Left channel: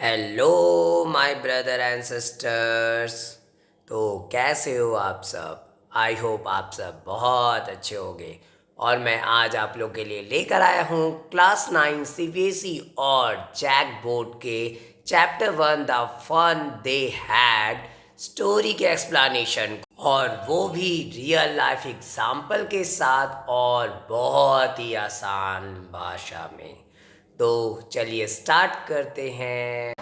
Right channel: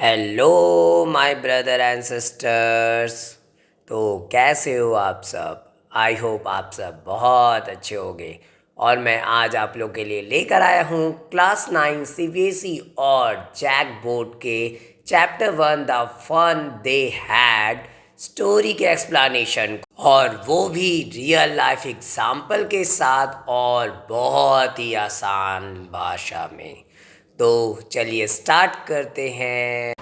Hello my brother and sisters. तो कैसे हो आप सब? आई होप आप सब बहुत अच्छे होंगे। और मैं आज आप लोग के लिए लेकर आया हूँ क्लास 9 सीबीएसई और जैक बोर्ड के chapter 1 the fun they had story के एक्सप्लेनेशन, और वो भी रियल लाइफ एग्जाम्पल के साथ और बहुत ही आसान भाषा में। तो चलिए स्टार्ट करते हैं।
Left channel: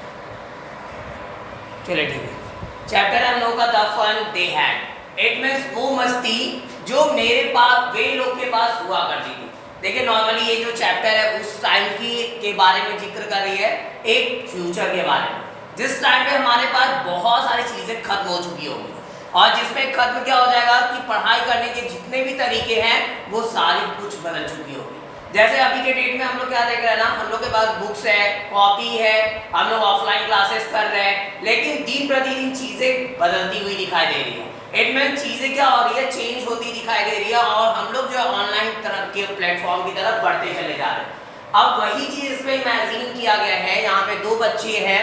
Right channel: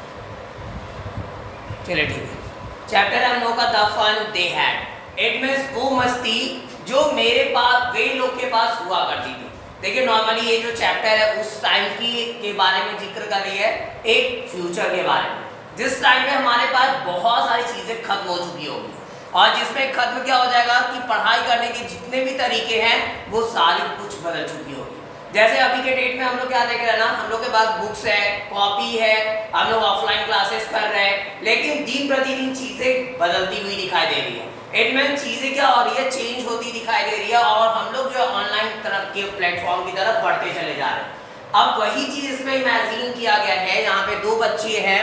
चलिए ठीक है। चैप्टर हम लोग का the fun they had, it means वो मस्ती जो मेरे पास वे लोग के पास हुआ करती थी। देखिए नॉर्मली ये जो चैप्टर है उस टाइम की के बारे में जिक्र कर रही है, एक फ्यूचर के बारे में, जिस टाइम पे हमारे पास बहुत सारी चीजें खत्म हो चुकी होगी और जिसमें खत्म क्या हो जाएगा कि पढ़ाई करने के जितने भी तरीके हैं वो सारी कुछ बदल चुकी होगी। जैसे अभी के डेट में हम लोग क्या देख रहे हैं ना, हम लोग के पास बुक्स है, कॉपी है, हम लोग ऑफलाइन क्लासेस कर रहे हैं, लेकिन दिन प्रतिदिन चीजें बदलती हुई दिखाई दे रही है। इट मीन चीजें क्या हो रही है, चेंज होती दिखाई दे रही है और हम लोग जो है ऑनलाइन तरफ के प्लेटफॉर्म की तरफ बढ़ते चले जा रहे हैं। अब वही चीज इसमें इमेजिन किया गया है। यहाँ पे दो बच्चे हैं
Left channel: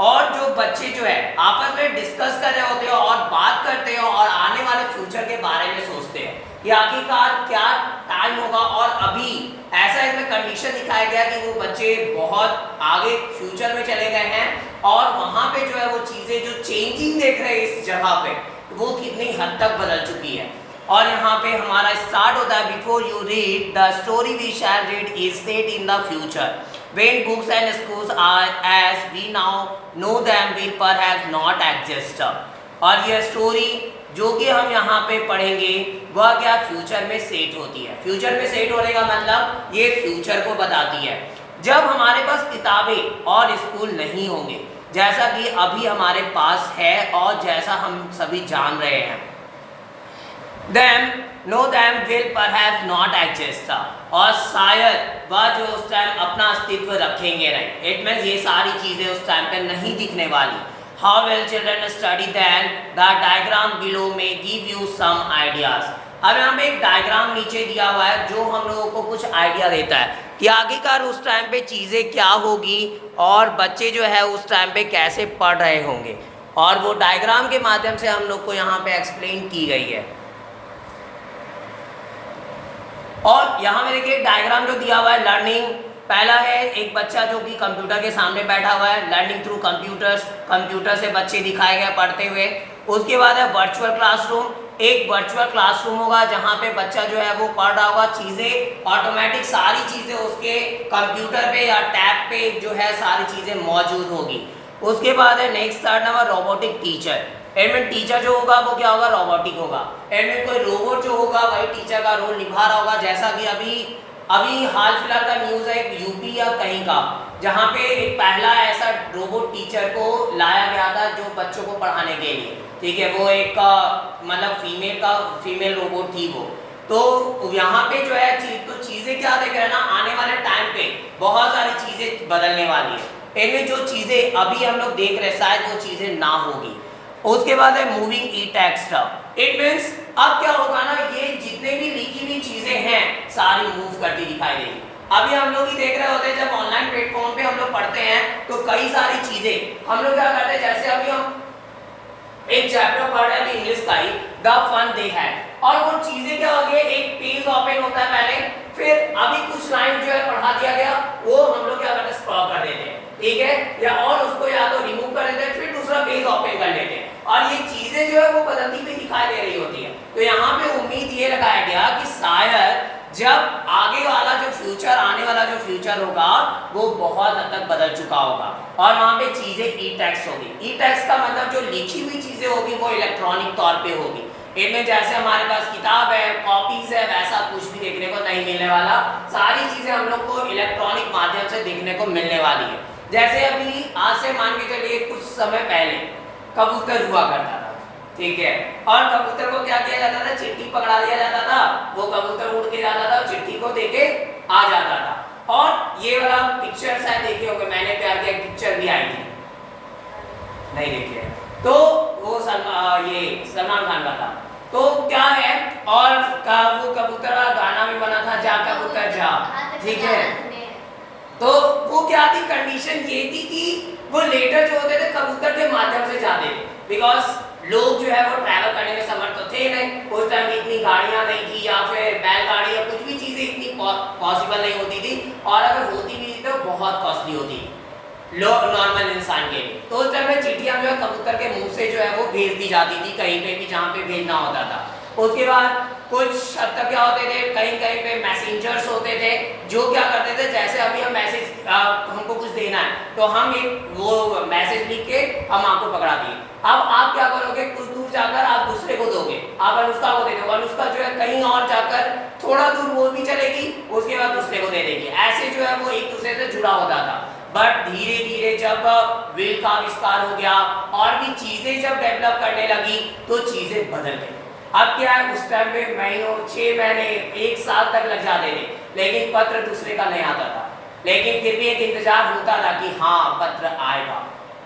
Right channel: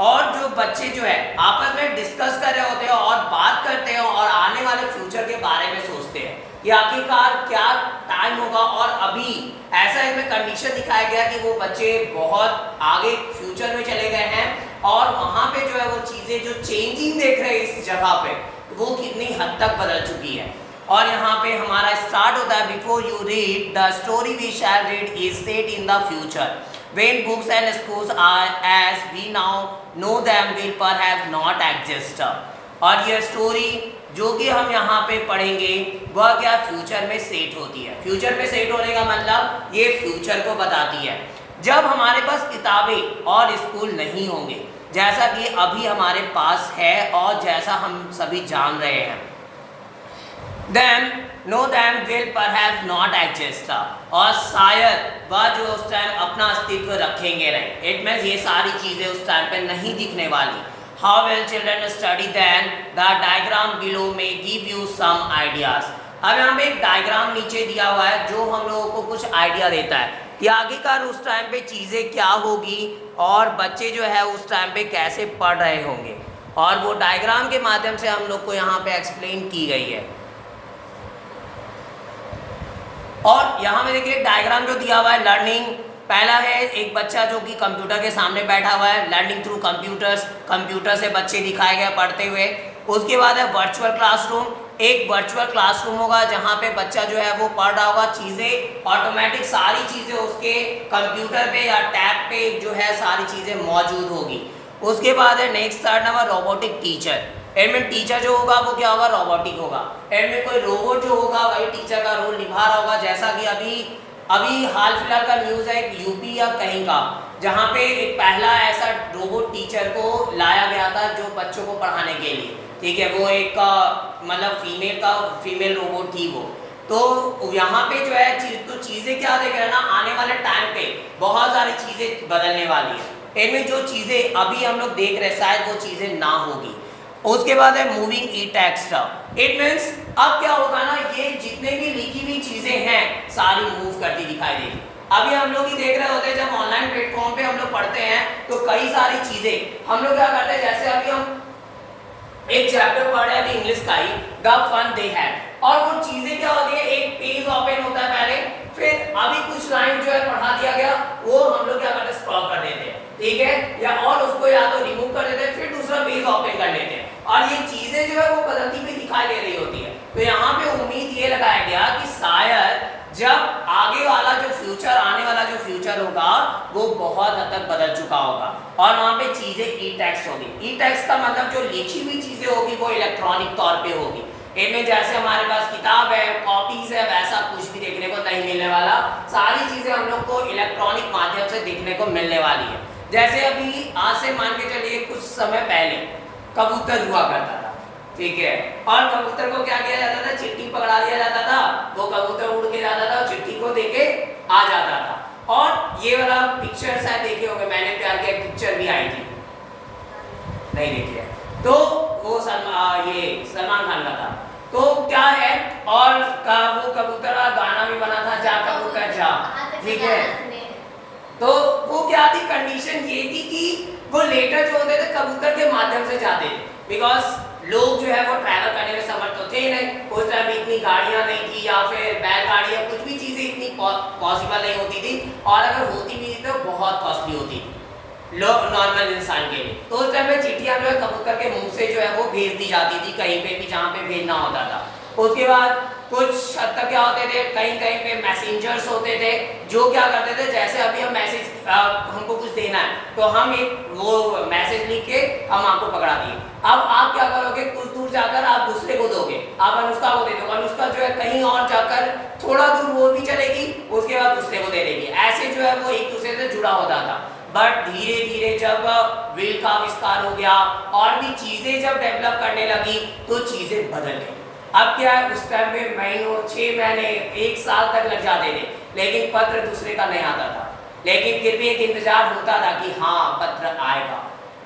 और जो बच्चे जो है आपस में डिस्कस कर रहे होते हैं और बात करते हैं और आने वाले फ्यूचर के बारे में सोचते हैं कि आखिरकार क्या टाइम होगा। और अभी ऐसा इसमें कंडीशन दिखाया गया कि वो बच्चे बहुत आगे फ्यूचर में चले गए हैं और वहां पे जो है वो चीजें जो चेंजिंग देख रहे हैं इस जगह पे, वो कितनी हद तक बदल चुकी है। और यहाँ पे हमारा स्टार्ट होता है, before you read the story we shall read is set in the future when books and schools are as we now know them will perhaps not exist। और यह स्टोरी जो कि हम यहाँ पे पढ़ेंगे वह क्या फ्यूचर में सेट होती है। फ्यूचर में सेट होने का मतलब ये फ्यूचर को बताती है जब हमारे पास किताबें और स्कूल नहीं होंगे, जैसा कि अभी हमारे पास है और जैसा हम सभी जान रहे हैं। Them know them will perhaps not exist, और शायद वह जो उस टाइम अपना अस्तित्व रखेंगे नहीं। इट मीन्स ये सारी चीजें उस टाइम पे नहीं दिखने वाली। How will children study then? The diagram below may give you some ideas। अब यहाँ पे एक डायग्राम नीचे दिया हुआ है जो हम लोगों को कुछ आइडिया देता है कि आखिरकार उस टाइम पे चीजें क्या होगी और बच्चे जो है उस टाइम पे कैसे पढ़ रहे होंगे, और वो डायग्राम के माध्यम से हम लोग को यहाँ पे एक्सप्लेन की गई है। और यहाँ में देखिए डायग्राम जो दिया हुआ है, लर्निंग पहला है एक बच्चा जो कि कंप्यूटर के सामने बैठा हुआ है, लर्निंग थ्रू कंप्यूटर्स, कंप्यूटर से बच्चे दिखाए गए पढ़ते हुए। उसके बाद है वर्चुअल क्लासरूम, एक वर्चुअल क्लासरूम होगा जहाँ पे बच्चा जो है वो पढ़ रहा होगा, चीज़ें ऑटोमेटिक सारी चीज़ें उसके कंप्यूटर पे या टैब पे जो है सारी चीज़ें मौजूद होगी। उसके बाद है next third number robotic teacher. Admin teacher जो होगा वो क्या होगा, रोबोटिक होगा। एडमिन कोई रोबोट जो होगा वही टीचर का रोल निभा रहा होगा, जैसा कि अभी हाल फिलहाल का न्यूज़ है यूपी या कहीं का, जहाँ पे एक पहला ऐसा रोबोट टीचर को लाया गया था जो बच्चों को पढ़ाने के लिए, ठीक है। वो एक मतलब फीमेल रोबोट थी वो। तो यहाँ पे जो है तो चीज़ें क्या देख रहे हैं ना, आने वाले टाइम पे बहुत सारी चीज़ें बदलने वाली है। इनमें जो चीज़ें अभी हम लोग देख रहे हैं शायद वो चीज़ें ना होगी। उसके बाद है moving E text. It means अब क्या होगा ना, ये जितने भी लिखी हुई चीजें हैं सारी मूव करती दिखाई देगी। अभी हम लोग ही देख रहे होते हैं जब ऑनलाइन प्लेटफॉर्म पे हम लोग पढ़ते हैं तो कई सारी चीजें हम लोग क्या करते हैं, जैसे अभी हम एक चैप्टर पढ़ रहे हैं इंग्लिश का ही, द फन दे हैड, और वो चीजें क्या होती है, एक पेज ओपन होता है पहले, फिर अभी कुछ लाइन जो है पढ़ा दिया गया वो हम लोग क्या करते हैं स्टॉप कर देते हैं, ठीक है, या और उसको या तो रिमूव कर देते हैं फिर दूसरा पेज ओपन कर लेते हैं, और ये चीजें जो है वो बदलती हुई दिखाई दे रही होती है। तो यहाँ पे उम्मीद ये लगाया गया कि शायद जब आगे वाला जो फ्यूचर, आने वाला जो फ्यूचर होगा वो बहुत हद तक बदल चुका होगा और वहाँ पे चीजें ई टेक्स्ट होगी। ई टेक्स्ट का मतलब जो लिखी हुई चीजें होगी वो इलेक्ट्रॉनिक तौर पे होगी। इनमें जैसे हमारे पास किताब है, कॉपीज है, वैसा कुछ भी देखने को नहीं मिलने वाला। सारी चीजें हम लोग को इलेक्ट्रॉनिक माध्यम से देखने को मिलने वाली है। जैसे अभी आज से मान के चलिए कुछ समय पहले कबूतर हुआ करता था, ठीक है, और कबूतर को क्या किया जाता था, चिट्ठी पकड़ा दिया जाता था, वो कबूतर उड़ के जाता था और चिट्ठी को देके आ जाता था। और ये वाला पिक्चर शायद देखे होंगे, मैंने प्यार किया पिक्चर भी आई थी, नहीं देखी है, तो वो सलमान खान का था। तो क्या है, और वो कबूतर का गाना भी बना था, जा कबूतर जा, ठीक है। तो वो क्या थी, कंडीशन ये थी कि वो लेटर जो होते थे कबूतर के माध्यम से जाते थे, बिकॉज लोग जो है वो ट्रैवल करने में समर्थ तो थे नहीं, उस टाइम इतनी गाड़ियां नहीं थी या फिर बैलगाड़ी या कुछ भी चीजें इतनी पॉसिबल नहीं होती थी, और अगर होती भी थी तो बहुत कॉस्टली होती थी लो नॉर्मल इंसान के लिए। तो उस टाइम में चिट्ठियां जो है कबूतर के मुंह से जो है वो भेज दी जाती थी कहीं पे भी जहाँ पे भेजना होता था। उसके बाद कुछ हद तक क्या होते थे, कहीं कहीं पे मैसेंजर्स होते थे जो क्या करते थे, जैसे अभी हम मैसेज हमको कुछ देना है तो हम एक वो मैसेज लिख के हम आपको पकड़ा दिए। अब आप क्या करोगे, कुछ दूर जाकर आप दूसरे को दोगे, आप अनुष्का को दे दो, अनुष्का जो है कहीं और जाकर थोड़ा दूर वो भी चलेगी, उसके बाद दूसरे को दे देगी, ऐसे जो है वो एक दूसरे से जुड़ा होता था। बट धीरे धीरे जब व्हील का आविष्कार हो गया और भी चीजें जब डेवलप करने लगी तो चीजें बदल गई। अब क्या है, उस टाइम में महीनों 6 महीने 1 साल तक लग जाते थे, लेकिन पत्र दूसरे का नहीं आता था, लेकिन फिर भी एक इंतजार होता था कि हाँ पत्र आएगा,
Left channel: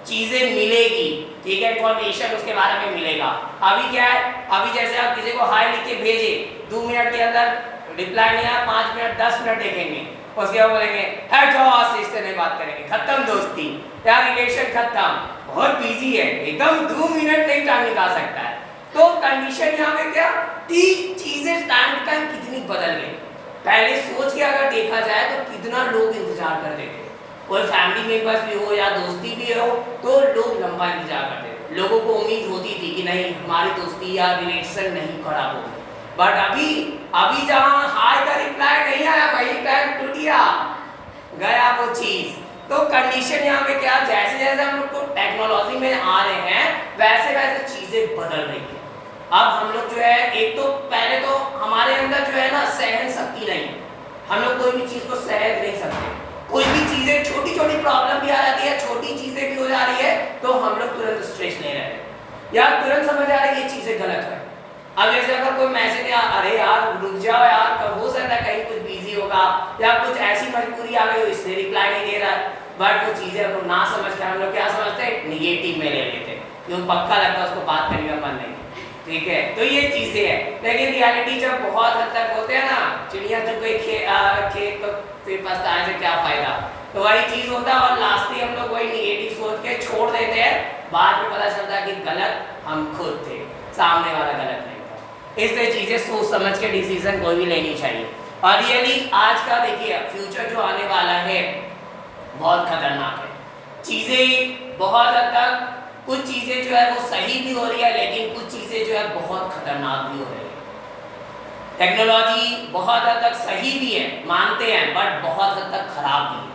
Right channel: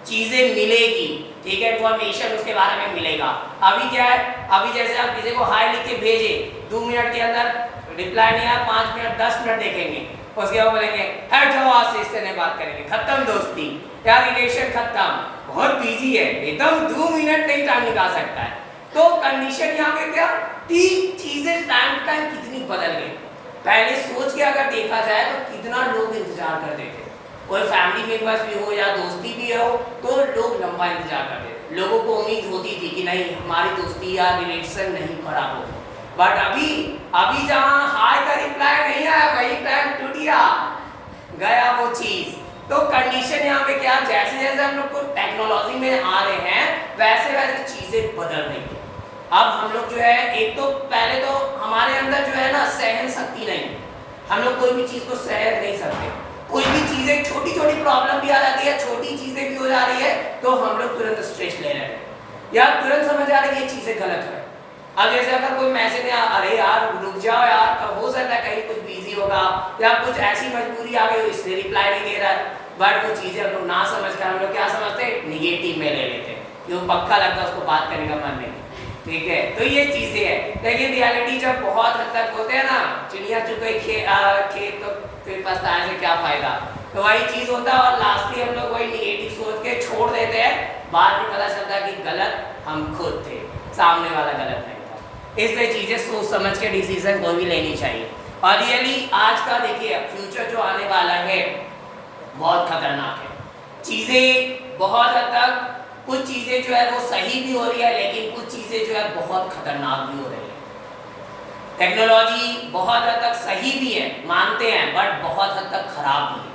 चीजें मिलेगी, ठीक है, इंफॉर्मेशन उसके बारे में मिलेगा। अभी क्या है, अभी जैसे आप किसी को हाय लिख के भेजे, 2 मिनट के अंदर रिप्लाई नहीं आया, 5 मिनट 10 मिनट देखेंगे, उसके बाद बोलेंगे हट जाओ आज से इससे नहीं बात करेंगे, खत्म दोस्ती या रिलेशन खत्म, बहुत बिजी है, एकदम 2 मिनट नहीं टाइम निकाल सकता है। तो कंडीशन यहाँ पे क्या कि चीजें टाइम टू टाइम कितनी बदल गई। पहले सोच के अगर देखा जाए तो कितना लोग इंतजार करते थे, कोई फैमिली मेंबर्स भी हो या दोस्ती भी हो तो लोग लंबा इंतजार करते थे, लोगों को उम्मीद होती थी कि नहीं हमारी दोस्ती या रिलेशन नहीं खराब होगी। बट अभी जहाँ हाय का रिप्लाई नहीं आया, वही टाइम टूटिया गया वो चीज। तो कंडीशन यहाँ पे क्या, जैसे जैसे हम लोग को टेक्नोलॉजी में आ रहे हैं वैसे वैसे चीजें बदल रही है। अब हम लोग जो है, एक तो पहले तो हमारे अंदर जो है ना सहन शक्ति नहीं, हम लोग कोई भी चीज को सहन नहीं सकते, कोई भी चीजें छोटी छोटी प्रॉब्लम भी आ जाती है, छोटी चीजें भी हो जा रही है तो हम लोग तुरंत स्ट्रेस ले रहे हैं या तुरंत समझ आ रही है ये चीजें गलत है। अब जैसे अगर कोई मैसेज या अरे यार रुक जाओ यार, कब हो सकता है कहीं कुछ बिजी होगा या कुछ ऐसी मजबूरी आ गई इसलिए रिप्लाई नहीं दे रहा है, बट वो चीजें हम लोग ना समझ कर हम लोग क्या समझते हैं, निगेटिव में ले लेते हैं, क्यों पक्का लगता है उसको बात करने का मन नहीं, ठीक है। तो ये चीजें है, लेकिन रियलिटी जब बहुत हद तक होते हैं ना, चिड़िया चुग गई खेत तो फिर पछताने से क्या फायदा, तो वही चीज होता है और लास्टली हम लोग वही निगेटिव सोच के छोड़ देते हैं, बाद में पता चलता है कि गलत हम खुद थे, सामने वाला गलत नहीं था। इसलिए चीजें सोच समझ के डिसीजन कोई भी लेनी चाहिए। और रियली आज का देखिए फ्यूचर जो आने वाला है बहुत खतरनाक है, चीजें बहुत हद तक कुछ चीजें जो है वो सही भी हो रही है, लेकिन कुछ चीजें जो है बहुत खतरनाक भी हो रही है। टेक्नोलॉजी बहुत हद तक सही भी है, मानते हैं, बट बहुत हद तक खराब भी है,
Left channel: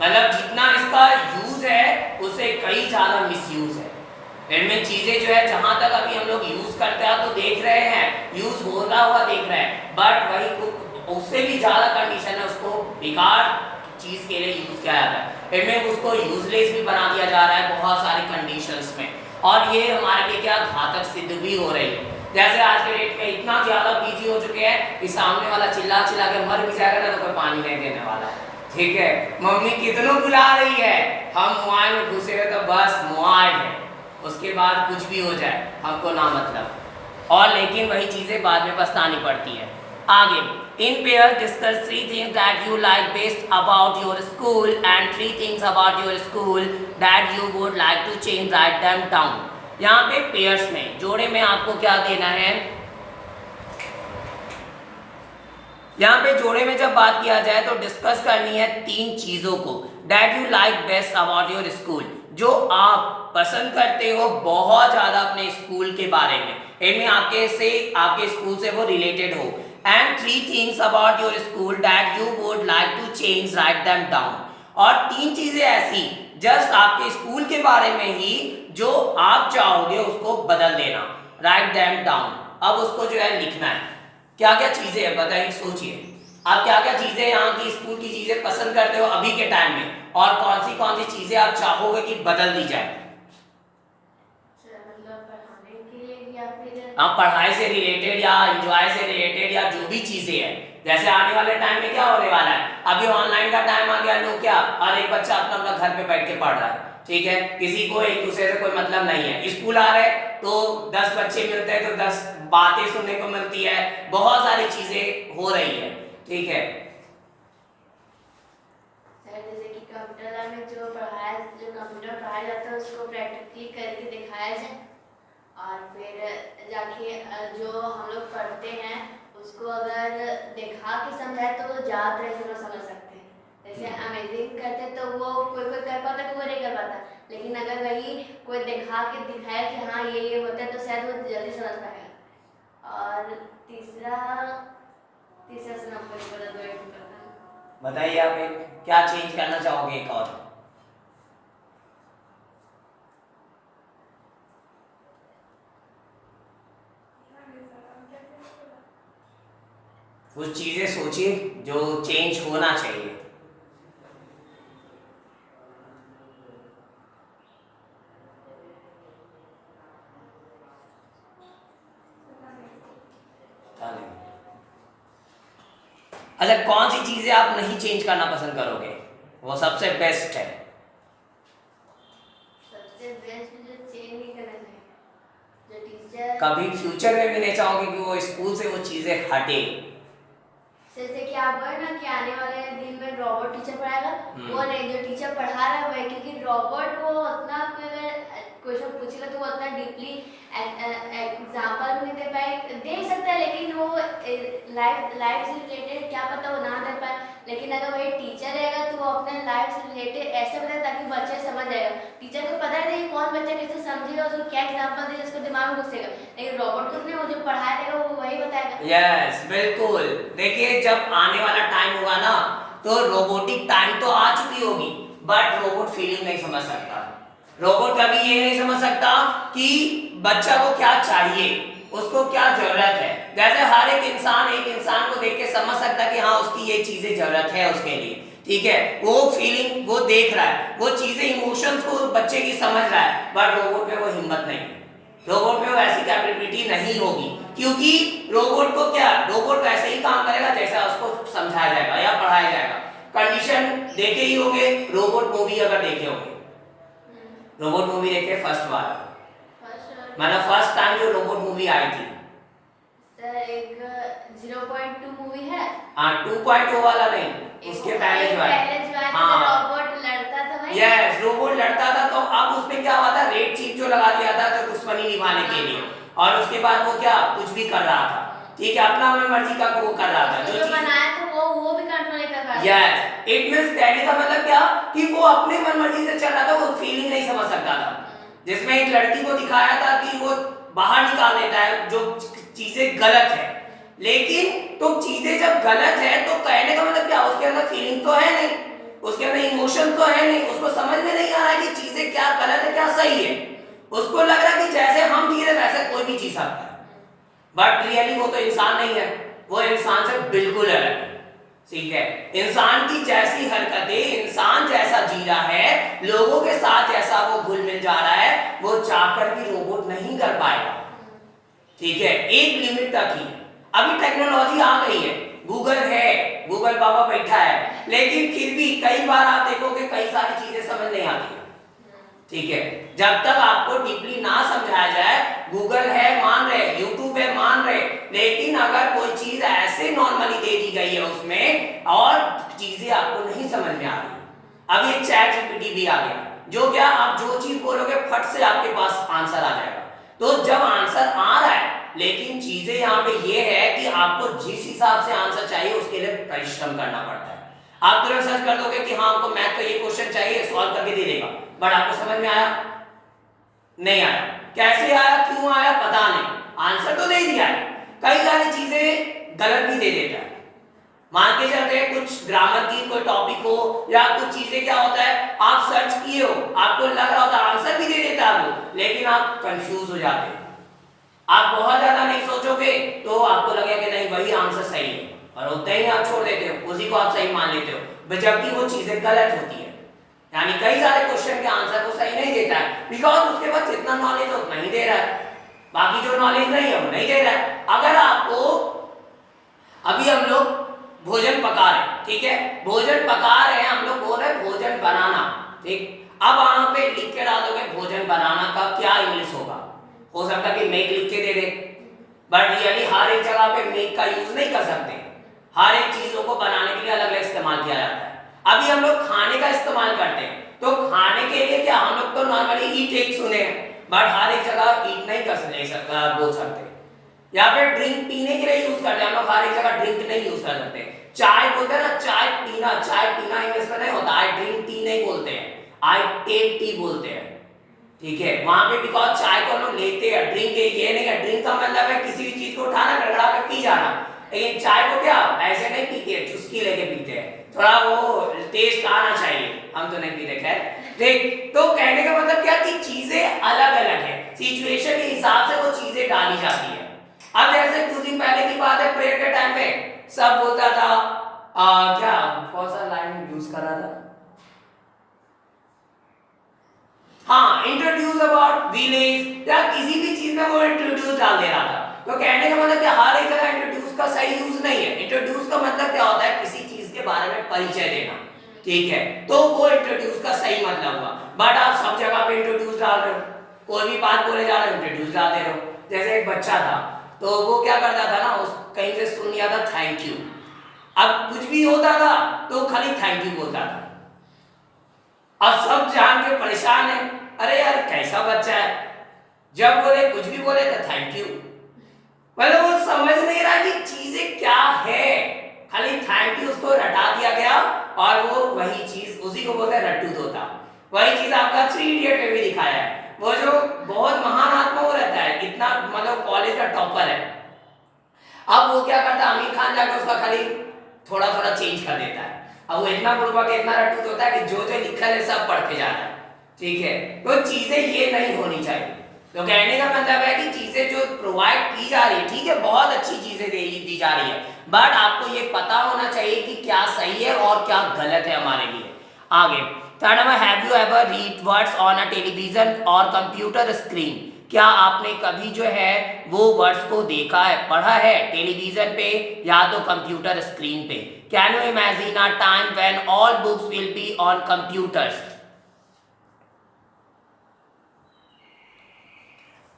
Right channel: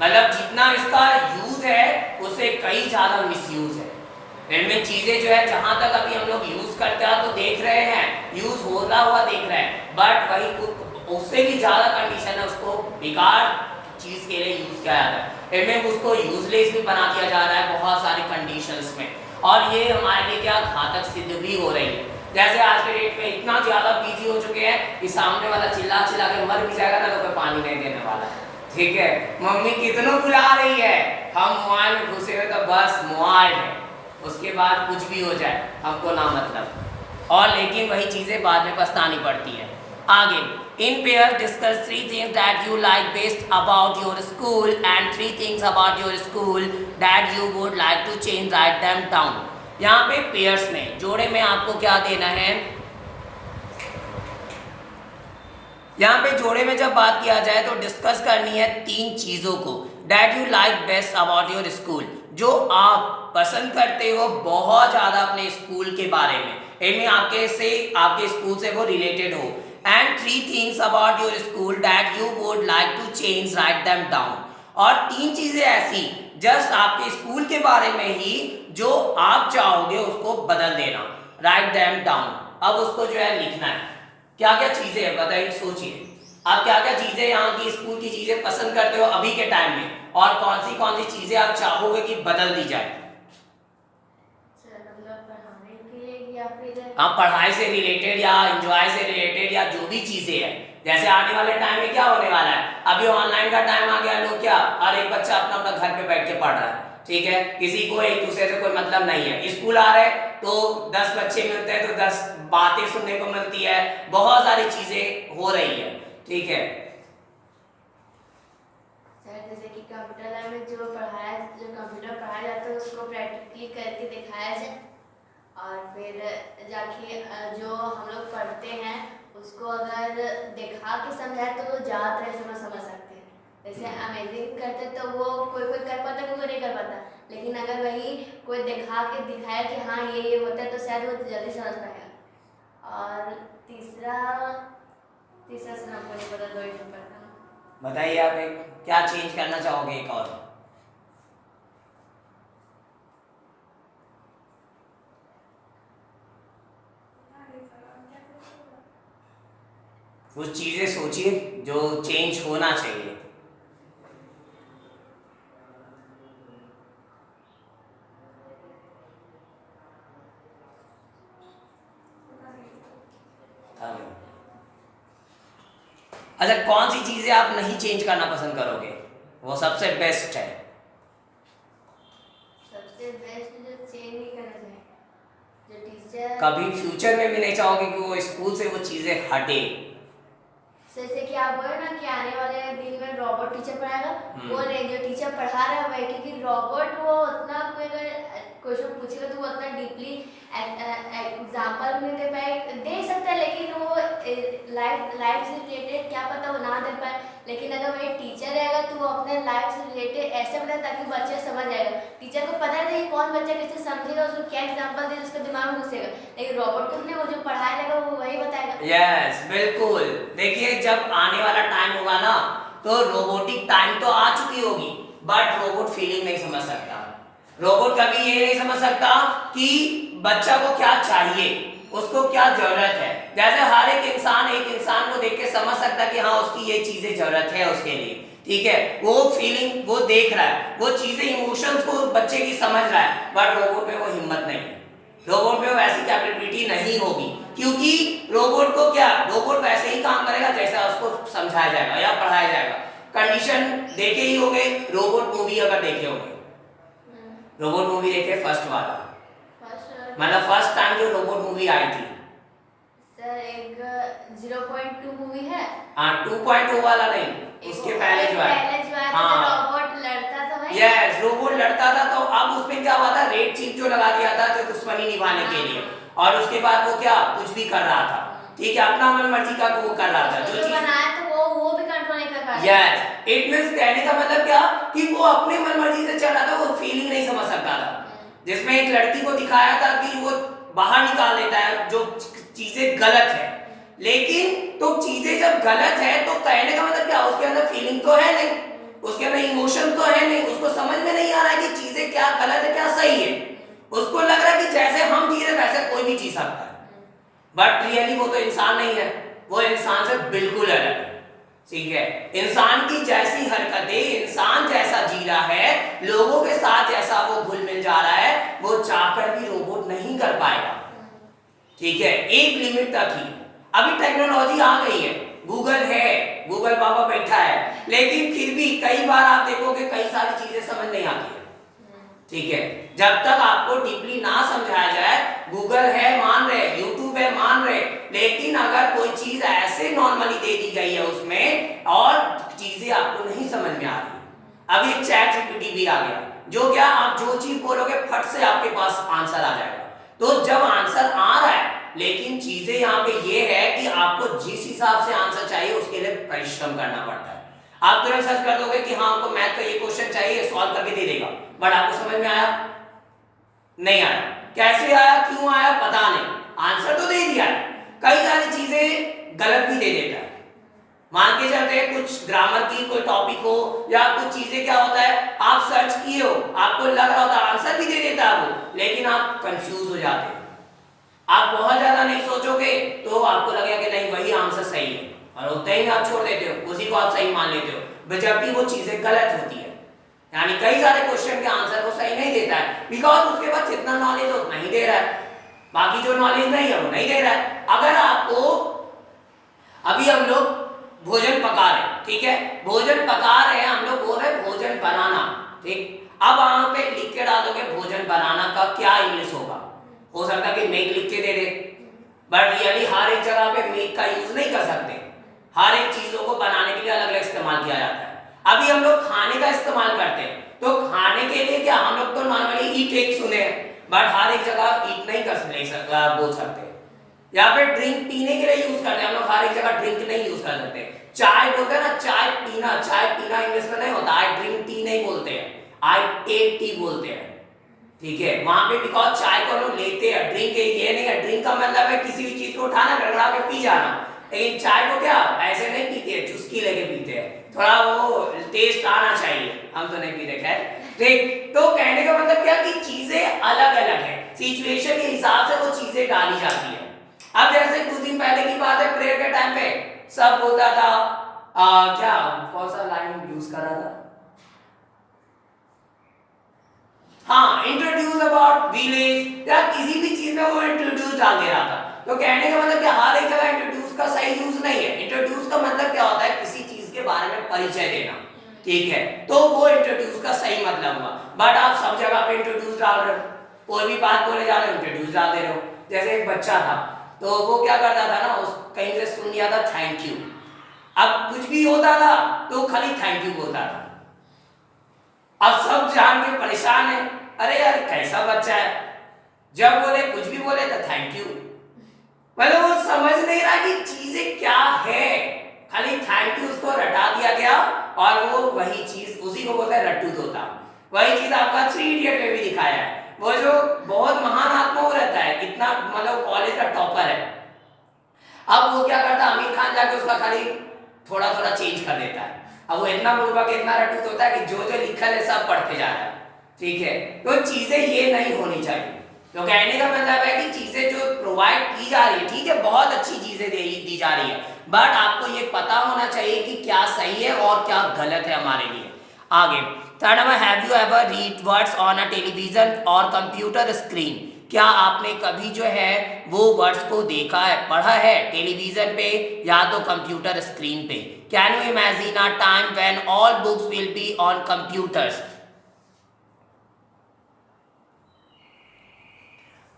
मतलब जितना इसका यूज है उससे कई ज्यादा मिसयूज है। इनमें चीजें जो है जहां तक अभी हम लोग यूज करते हैं तो देख रहे हैं, यूज होता हुआ देख रहे हैं, बट वही उससे भी ज्यादा कंडीशन है उसको बेकार चीज के लिए यूज किया जाता है, इनमें उसको यूजलेस भी बना दिया जा रहा है बहुत सारी कंडीशंस में, और ये हमारे लिए क्या घातक सिद्ध भी हो रही है। जैसे आज के डेट में इतना ज्यादा बिजी हो चुके हैं कि सामने वाला चिल्ला चिल्ला के मर भी जाएगा ना तो कोई पानी नहीं देने वाला है, ठीक है, मम्मी कितनों बुला रही है, हम मोबाइल में घुसे हुए तो बस मोबाइल है, उसके बाद कुछ भी हो जाए हमको ना मतलब, और लेकिन वही चीजें बाद में पछतानी पड़ती है। आगे in pair discuss 3 things that you like best about your school and 3 things about your school that you would like to change, write them down। यहाँ पे पेयर्स में जोड़े में आपको क्या देना है, यहाँ पे जोड़े में जब बात किया जाए तो डिस्कस करनी है 3 चीजों को that you like best about your school, जो आप पसंद करते हो बहुत ज्यादा अपने स्कूल के बारे में, इनमें आपके स्कूल से वो रिलेटेड हो, and 3 things about your school that you would like to change, write them down। और 3 चीजें ऐसी जस्ट आपके स्कूल के बारे में ही जो आप चाहोगे उसको बदल देना, write them down। अब उसको जो है लिखना है, क्या क्या चीजें हैं बताइए, सोचिए आप क्या क्या चीजें यहाँ की स्कूल की चीजें पसंद करते हो अभी के टाइम में, और कौन सी चीजें आप चाहोगे कि बदल दी जाए। आप पढ़ाई से रिलेटेड या एंजॉय से रिलेटेड या जो भी चीजें हैं, जैसे आने वाले टाइम में क्या होने वाला है, अभी ऑनलाइन का टाइम आ गया, लोग क्या हर एक बच्चा अपना अपना घर पे बैठ के पढ़ रहा है, ठीक है, किसी को एक दूसरे से कोई मतलब नहीं है, स्कूल आ रहे तो 10 बच्चे मिलते हैं तो 10 बातें सुनने को मिलती है, बहुत सारी चीजें हो रही है, ठीक है। जैसे कि कंप्यूटर लैब में जो कंप्यूटर पढ़ाया जाता है उसको प्रैक्टिकली करके दिखाया जाए, और फिर जाके जो हम लोग पढ़ते हैं उसको अगर दिखा के समझाए तो वो ज़्यादा तरह से लोग समझ सकते हैं। जैसे अमेजिंग करते तो वो कोई कोई कर पाता, कोई नहीं कर पाता, लेकिन अगर वही कोई दिखा के दिखाया कि हाँ ये होता है तो शायद वो जल्दी समझ पाएगा। और तीसरा से ना मुझे पता, दो एक पता। बताइए आप एक क्या चेंज करना चाहोगे एक और? कुछ चीजें सोचिए जो चेंज होना चाहिए। अच्छा, कौन सी चीजें आप नहीं चेंज करना पसंद करोगे, वो सबसे बेस्ट है? सबसे बेस्ट जो चेंज नहीं करना चाहिए, जो टीचर कभी फ्यूचर में भी नहीं चाहोगे कि वो स्कूल से वो चीजें हटे? जैसे कि आप बोले ना कि आने वाले दिन में रोबोट टीचर पढ़ाएगा, वो नहीं, जो टीचर पढ़ा रहा है वही, क्योंकि रोबोट वो उतना अगर क्वेश्चन पूछेगा तो वो उतना डीपली एग्जाम्पल नहीं दे सकता है, लेकिन वो लाइफ से रिलेटेड क्या पता वो ना दे पाए, लेकिन अगर वही टीचर रहेगा तो वो अपने लाइफ से रिलेटेड ऐसे बताए ताकि बच्चे समझ आएगा। टीचर को पता नहीं कौन बच्चा कैसे समझेगा, उसको क्या एग्जाम्पल दे उसके दिमाग में घुसेगा, लेकिन रोबोट को नहीं, वो जो पढ़ाया रहेगा वो वही बताएगा। यस, बिल्कुल। देखिए, जब आने वाला टाइम होगा ना तो रोबोटिक टाइम तो आ चुकी होगी, बट रोबोट फीलिंग नहीं समझ सकता। रोबोट कभी ये नहीं समझ सकता कि बच्चा को क्या चाहिए, उसको क्या जरूरत है। जैसे हर एक इंसान को देख के समझ सकता है कि हाँ उसकी ये चीजें जरूरत है उसके लिए, ठीक है, वो फीलिंग वो देख रहा है, वो चीजें इमोशंस को बच्चे की समझ रहा है, बट रोबोट में वो हिम्मत नहीं है, रोबोट में वो ऐसी कैपेबिलिटी नहीं होगी, क्योंकि रोबोट वैसे ही काम करेगा जैसा उसको समझाया जाएगा या पढ़ाया जाएगा। कंडीशन देखे ही होंगे, रोबोट मूवी अगर देखे होंगे, रोबोट मूवी देखे फर्स्ट वाला, मतलब फर्स्ट टाइम जो रोबोट मूवी आई थी। सर एक 0.2 मूवी है। हाँ, 2.0 वाला नहीं, उसके पहले जो है, हाँ रोबोट लड़ता था भाई। यस, रोबोट लड़ता था, तो अब उसमें क्या हुआ था, रेड चीफ जो लगा दिया था जो दुश्मनी निभाने के लिए, और उसके बाद वो क्या कुछ भी कर रहा था, ठीक है, अपना मन मर्जी का वो कर रहा था, जो बनाया तो वो भी कंट्रोल नहीं कर पाया। यस, इट मींस कहने का मतलब क्या कि वो अपने मन मर्जी से चल रहा था, वो फीलिंग नहीं समझ सकता था। जिसमें एक लड़की को दिखाया था कि वो बाहर निकाल लेता है जो चीजें गलत है, लेकिन तो चीजें जब गलत है तो कहने का मतलब क्या, उसके अंदर फीलिंग तो है नहीं, उसके अंदर इमोशन तो है नहीं, उसको समझ में नहीं आ रहा है कि चीजें क्या गलत है क्या सही है, उसको लग रहा है कि जैसे हम जी रहे वैसे कोई भी जी सकता है, बट रियली वो तो इंसान नहीं है, वो इंसान से बिल्कुल अलग है, ठीक है। इंसान की जैसी हरकतें, इंसान जैसा जी रहा है, लोगों के साथ जैसा वो घुल मिल जा रहा है, वो चाहकर भी रोबोट नहीं कर पाएगा, ठीक है, एक लिमिट तक ही। अभी टेक्नोलॉजी आ गई है, गूगल है, गूगल बाबा बैठा है, लेकिन फिर भी कई बार आप देखोगे कई सारी चीजें समझ नहीं आती है, ठीक है, जब तक आपको डीपली ना समझाया जाए, गूगल है मान रहे, यूट्यूब है मान रहे, लेकिन अगर कोई चीज ऐसे नॉर्मली दे दी गई है उसमें और चीजें आपको नहीं समझ में आ रही, अभी चैट जीपीटी भी आ गया, जो क्या आप जो चीज बोलोगे फट से आपके पास आंसर आ जाएगा। तो जब आंसर आ रहा है, लेकिन चीजें यहाँ पे ये है कि आपको जिस हिसाब से आंसर चाहिए उसके लिए परिश्रम करना पड़ता है। आप तुरंत सर्च कर दोगे कि हाँ हमको मैथ का ये क्वेश्चन चाहिए, सॉल्व करके दे देगा, बट आपको समझ में आया नहीं आया, कैसे आया क्यों आया पता नहीं, आंसर तो दे दिया है, कई सारी चीजें गलत भी दे देता है। मान के चलते हैं कुछ ग्रामर की कोई टॉपिक हो या कुछ चीजें, क्या होता है आप सर्च किए हो, आपको लग रहा होता है आंसर भी दे देता है वो, लेकिन आप कंफ्यूज हो जाते हैं, आप बहुत ज्यादा नहीं सोचोगे तो आपको लगेगा कि नहीं वही आंसर सही है, और उतना ही आप छोड़ देते हो, उसी को आप सही मान लेते हो, जबकि वो चीजें गलत होती है। यानी कई सारे क्वेश्चन के आंसर वो सही नहीं देता है, बिकॉज उसके पास जितना नॉलेज है उतना ही दे रहा है, बाकी जो नॉलेज नहीं है वो नहीं दे रहा है। अगर आपको अभी हम लोग भोजन पका रहे हैं, ठीक है, भोजन पका रहे हैं, हम लोग बोल रहे हैं भोजन बनाना, ठीक, अब वहां पे लिख के डालोगे भोजन बनाना का क्या इंग्लिश होगा, हो सकता है कि मेक लिख के दे दे, बट रियली हर एक जगह पे मेक का यूज नहीं कर सकते, हर एक चीजों को बनाने के लिए अलग अलग इस्तेमाल किया जाता है। अभी हम लोग खाने का इस्तेमाल करते हैं, तो खाने के लिए क्या हम लोग तो नॉर्मली ईट एक सुने हैं, बट हर एक जगह ईट नहीं बोल सकते। या फिर ड्रिंक पीने के लिए यूज करते हैं हम लोग, हर एक जगह ड्रिंक नहीं यूज कर सकते। चाय बोलते हैं ना, चाय पीना इंग्लिश में नहीं होता, आई ड्रिंक टी नहीं बोलते हैं, आई टेक टी बोलते हैं, ठीक है। वहां पे बिकॉज चाय को हम लोग लेते हैं, ड्रिंक ये नहीं है, ड्रिंक का मतलब है किसी भी चीज को उठाना, गड़गड़ा के पी जाना, लेकिन चाय को क्या ऐसे नहीं पीते हैं, चुस्की लेके पीते हैं, थोड़ा वो टेस्ट आना चाहिए, हम तो नहीं पीते। खैर देख, तो कहने का मतलब क्या कि चीजें अलग अलग है, सिचुएशन के हिसाब से वो चीजें डाली जाती है। अब जैसे कुछ दिन पहले की बात है, प्रेयर के टाइम पे सब बोलता था क्या कौन सा लाइन यूज कर रहा था, हाँ इंट्रोड्यूस अबाउट विलेज, या किसी भी चीज में वो इंट्रोड्यूस डाल दे रहा था। तो कहने का मतलब क्या हर एक जगह इंट्रोड्यूस का सही यूज नहीं है। इंट्रोड्यूस का मतलब क्या होता है, किसी चीज के बारे में परिचय देना, ठीक है, तो वो इंट्रोड्यूस का सही मतलब हुआ। बट आप सब जगह पे इंट्रोड्यूस डाल रहे हो, कोई भी बात बोले जा रहे हो इंट्रोड्यूस डाल दे रहे हो। जैसे एक बच्चा था, तो वो क्या करता था ना, उस कहीं से सुन लिया था थैंक यू, अब कुछ भी होता था तो खाली थैंक यू बोलता था। अब सब जान के परेशान है, अरे यार कैसा बच्चा है, जब बोले कुछ भी बोले तो थैंक यू, मतलब वो समझ नहीं रहा कि चीजें क्या है, खाली थैंक यू उसको रटा दिया गया, और वो वही चीज, उसी को बोलते हैं रट्टू तोता। वही चीज आपका 3 इडियट में भी दिखाया है, वो जो बहुत महान आत्मा वो रहता है, इतना मतलब कॉलेज का टॉपर है, अब वो क्या करता है, आमिर खान जाके उसका खाली थोड़ा थोड़ा चेंज कर देता है। अब वो इतना बुर्बक इतना रट्टू होता है कि जो जो लिखा है सब पढ़ के जा रहा है, ठीक है। तो चीजें ये नहीं होनी चाहिए। तो कहने का मतलब है कि चीजें जो प्रोवाइड की जा रही है, ठीक है, बहुत अच्छी चीजें दी जा रही है, बट आपको ये पता होना चाहिए कि क्या सही है और क्या गलत है हमारे लिए। आगे third number, have you ever read words on a television और कंप्यूटर स्क्रीन, क्या आपने कभी जो है वो वर्ड्स को देखा है, पढ़ा है टेलीविजन पे या तो कंप्यूटर स्क्रीन पे। Can you imagine a time when all books will be on computers.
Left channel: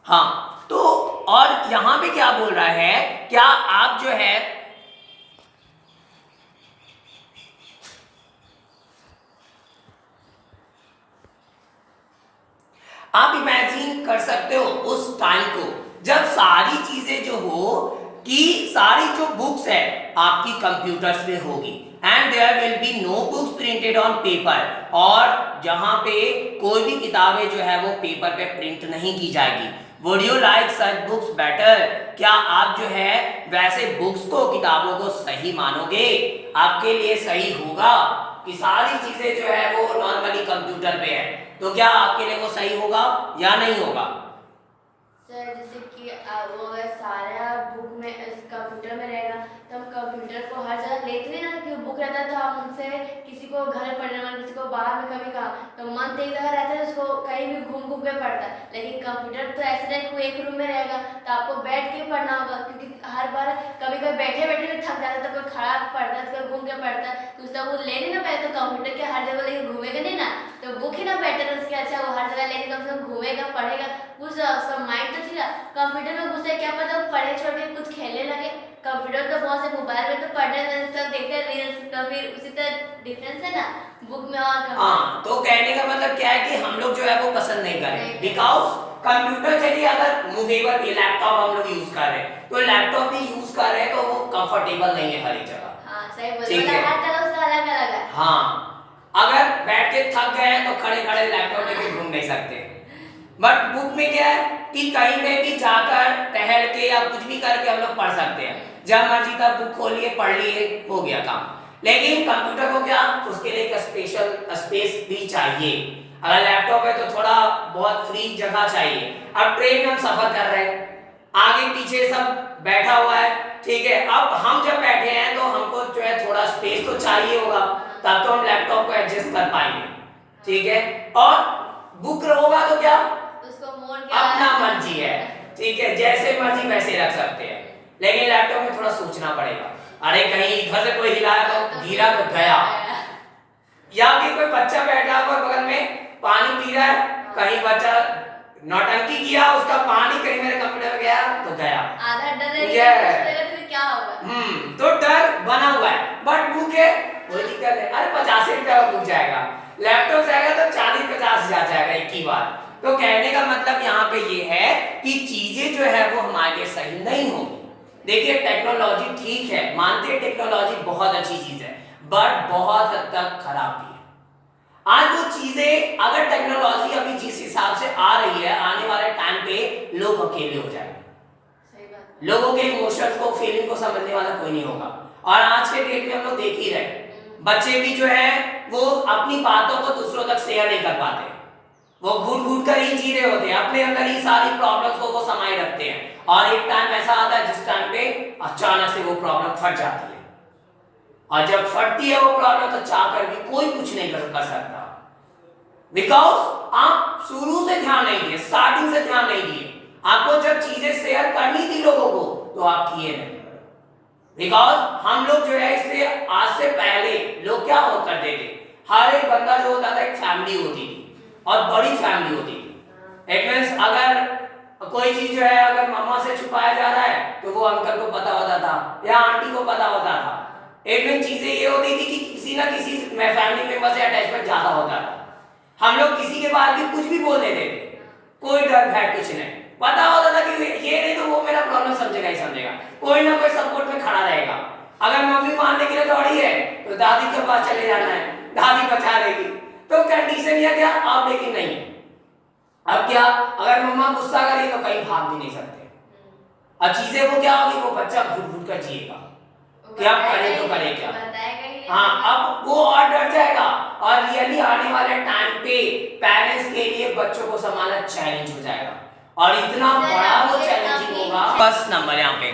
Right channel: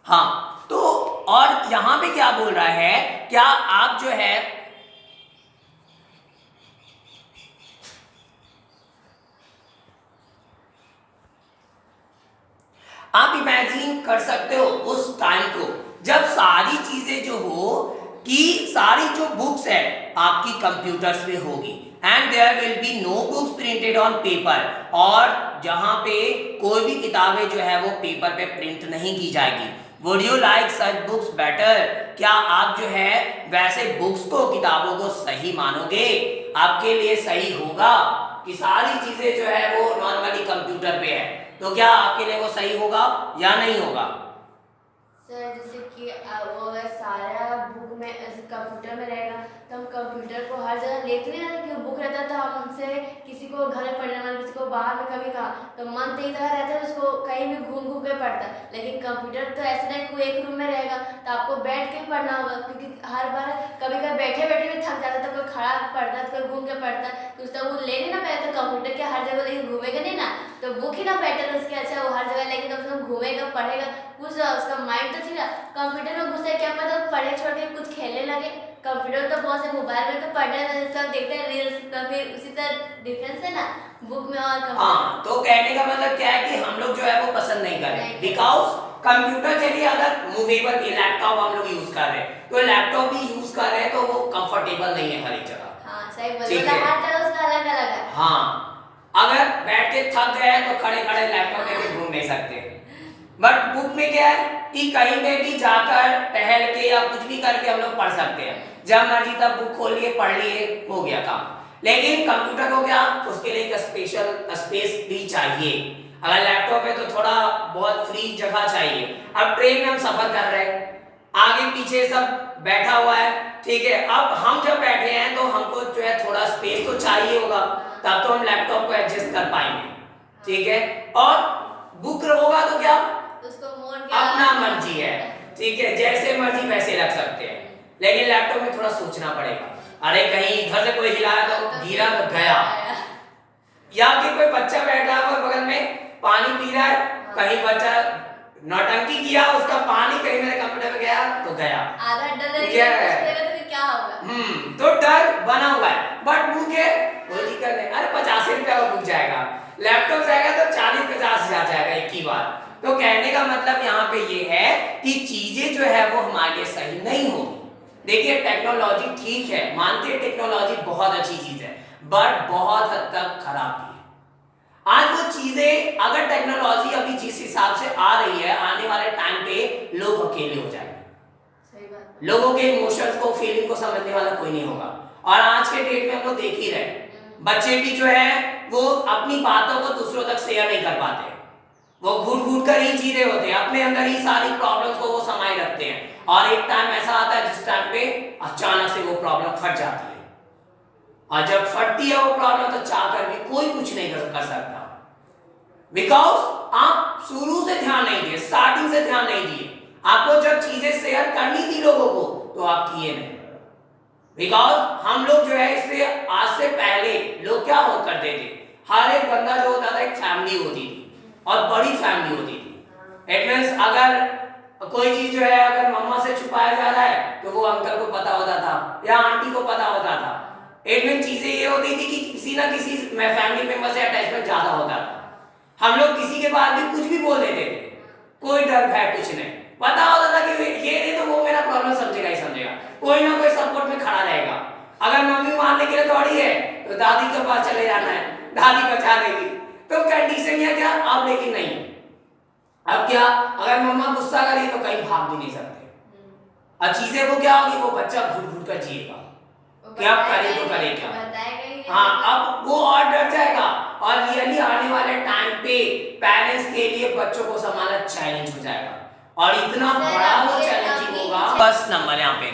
हाँ, तो और यहां पे क्या बोल रहा है, क्या आप जो है आप इमेजिन कर सकते हो उस टाइम को जब सारी चीजें जो हो कि सारी जो बुक्स है आपकी कंप्यूटर्स पे होगी, and there will be no books printed on paper, और जहां पे कोई भी किताबें जो है वो पेपर पे प्रिंट नहीं की जाएगी। Would you like such books better, क्या आप जो है वैसे बुक्स को, किताबों को सही मानोगे, आपके लिए सही होगा कि सारी चीजें जो है वो नॉर्मली कंप्यूटर पे है, तो क्या आपके लिए वो सही होगा या नहीं होगा। सर जैसे कि वो अगर सारा बुक में कंप्यूटर में रहेगा तो हम कंप्यूटर को हर जगह ले तो नहीं ना, कि बुक रहता तो हम उनसे किसी को घर में पढ़ने वाला, किसी को बाहर में कभी कहा तो मन तो एक जगह रहता है, उसको कहीं भी घूम घूम के पढ़ता है। लेकिन कंप्यूटर तो ऐसा नहीं कोई एक रूम में रहेगा तो आपको बैठ के पढ़ना होगा, क्योंकि हर बार कभी कभी बैठे बैठे भी थक जाता है, कोई खड़ा पढ़ता है, कोई घूम के पढ़ता है, तो उसका वो ले नहीं ना पाए, तो कंप्यूटर के हर जगह लेके घूमेगा नहीं ना, तो बुक ही ना बेटर उसके, अच्छा वो हर जगह लेके कम से कम घूमेगा, पढ़ेगा, कुछ उसका माइंड तो चला। कंप्यूटर में घुसे क्या पता पढ़े छोड़ के कुछ खेलने लगे, कंप्यूटर तो बहुत से मोबाइल में तो पढ़ने सब देखते हैं रील्स, तो फिर उसी तरह डिफरेंस है ना बुक में और हाँ, तो कहने का मतलब क्या है कि हम लोग जो है वो पसंद नहीं करें, बिकॉज कंप्यूटर चलिए अगर मूवेबल लैपटॉप हम लोग यूज कर रहे हैं, तो लैपटॉप भी यूज कर रहे हैं तो वो कंफर्टेबल नहीं है हर एक जगह। हाँ सही बोल, हर जगह उसका अलग अलग है। हाँ, अगर बैठ के थक गए तो खड़े खड़े लैपटॉप लेके घूम नहीं सकते, बट बुक में क्या है कि कहीं में भी जाकर टहल के या कुछ भी करके हम लोग पढ़ सकते हैं, जब मर्जी तब बुक खोलिए पढ़ लिए, हो गया काम। लेकिन कंप्यूटर को क्या, उसके लिए एक स्पेशल स्पेस भी चाहिए, अगर लैपटॉप है तो थोड़ा बहुत फ्री जगह चाहिए। अब ट्रेन में हम सफर कर रहे हैं, आगे पीछे सब बैठा हुआ है, ठीक है, अब हम जब बैठे हैं तो हमको जो है थोड़ा स्पेस तो चाहिए होगा, तब तो हम लैपटॉप को एडजस्ट कर पाएंगे, ठीक है। और बुक होगा तो क्या, उसको मोड़ अपना मर्जी है, ठीक है, जैसे मर्जी वैसे रख सकते हैं, लेकिन लैपटॉप में थोड़ा सोचना पड़ेगा, अरे कहीं इधर से कोई हिलाया तो गिरा तो गया, या फिर कोई बच्चा बैठा हुआ बगल में पानी पी रहा है, कहीं बच्चा नौटंकी किया, उसका पानी कहीं मेरे कंप्यूटर में गया तो गया, आधा डर क्या होगा, तो डर बना हुआ है। बट बुक है कोई दिक्कत है, अरे 85 रुपया का बुक जाएगा, लैपटॉप जाएगा तो 40-50 हजार जाएगा एक ही बार। तो कहने का मतलब यहाँ पे ये है कि चीजें जो है वो हमारे लिए सही नहीं होगी। देखिए टेक्नोलॉजी ठीक है, मानते हैं टेक्नोलॉजी बहुत अच्छी चीज है, बट बहुत हद तक खराब भी है। आज वो चीजें अगर टेक्नोलॉजी अभी जिस हिसाब से आ रही है, आने वाले टाइम पे लोग अकेले हो जाएंगे, लोगों के इमोशंस को, फीलिंग को समझने वाला कोई नहीं होगा। और आज के डेट में हम लोग देख ही रहे, बच्चे भी जो है वो अपनी बातों को दूसरों तक शेयर नहीं कर पाते, वो घुट घुट कर ही जी रहे होते हैं, अपने अंदर ही सारी प्रॉब्लम्स को वो समाये रखते हैं। और एक टाइम ऐसा आता है जिस टाइम पे अचानक से वो प्रॉब्लम फट जाती है, और जब फटती है वो प्रॉब्लम तो चाह कर भी कोई कुछ नहीं कर सकता, बिकॉज आप शुरू से ध्यान नहीं दिए, स्टार्टिंग से ध्यान नहीं दिए। आपको जब चीजें शेयर करनी थी लोगों को तो आप किए नहीं, बिकॉज हम लोग जो है इसलिए आज से पहले लोग क्या हो करते थे, हर एक बंदा जो होता था एक फैमिली होती थी और बड़ी फैमिली होती थी। इट मींस अगर कोई चीज जो है अगर मम्मा से छुपाया जा रहा है तो वो अंकल को पता होता था या आंटी को पता होता था। इट मींस चीजें ये होती थी कि किसी ना किसी फैमिली मेंबर से अटैचमेंट ज्यादा होता था। हम लोग किसी के बारे में कुछ भी बोल देते थे, कोई डर भय कुछ नहीं, पता होता था कि ये नहीं तो वो मेरा प्रॉब्लम समझेगा ही समझेगा, कोई ना कोई सपोर्ट में खड़ा रहेगा। अगर मम्मी मारने के लिए दौड़ी है तो दादी के पास चले जाना है, दादी बचा लेगी। तो कंडीशन यह क्या, अब लेकिन नहीं है। अब क्या, अगर मम्मा गुस्सा करी तो कहीं भाग भी नहीं सकते। अब चीजें को क्या होगी, वो बच्चा घुट घुट कर जिएगा कि अब करे तो करे क्या। हाँ, अब वो और डर जाएगा, और रियली आने वाले टाइम पे पेरेंट्स के लिए बच्चों को संभालना चैलेंज हो जाएगा, और इतना बड़ा वो चैलेंजिंग होगा। फर्स्ट नंबर यहाँ पे,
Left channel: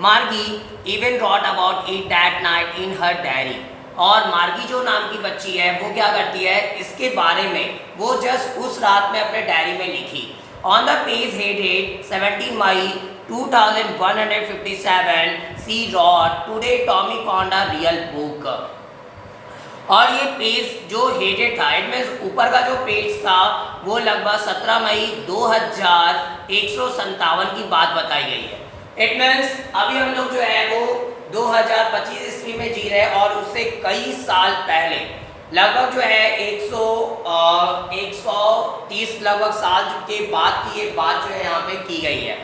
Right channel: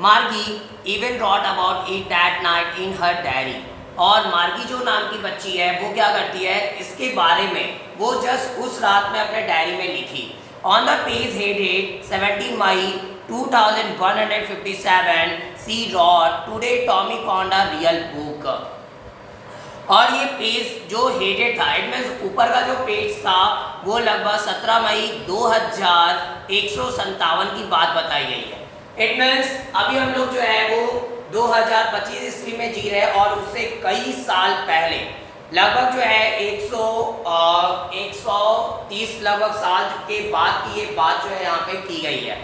Margie even wrote about it that night in her diary. और मार्गी जो नाम की बच्ची है वो क्या करती है, इसके बारे में वो जस्ट उस रात में अपने डायरी में लिखी। On the page headed 17 May 2157 she wrote today Tommy found a real book. और ये पेज जो हेडेड था, इट मींस ऊपर का जो पेज था वो लगभग 17 मई 2157 की बात बताई गई है। इट मींस अभी हम लोग जो है वो 2025 ईस्वी में जी रहे हैं, और उससे कई साल पहले लगभग जो है 130 लगभग साल के बाद की ये बात जो है यहाँ पे की गई है।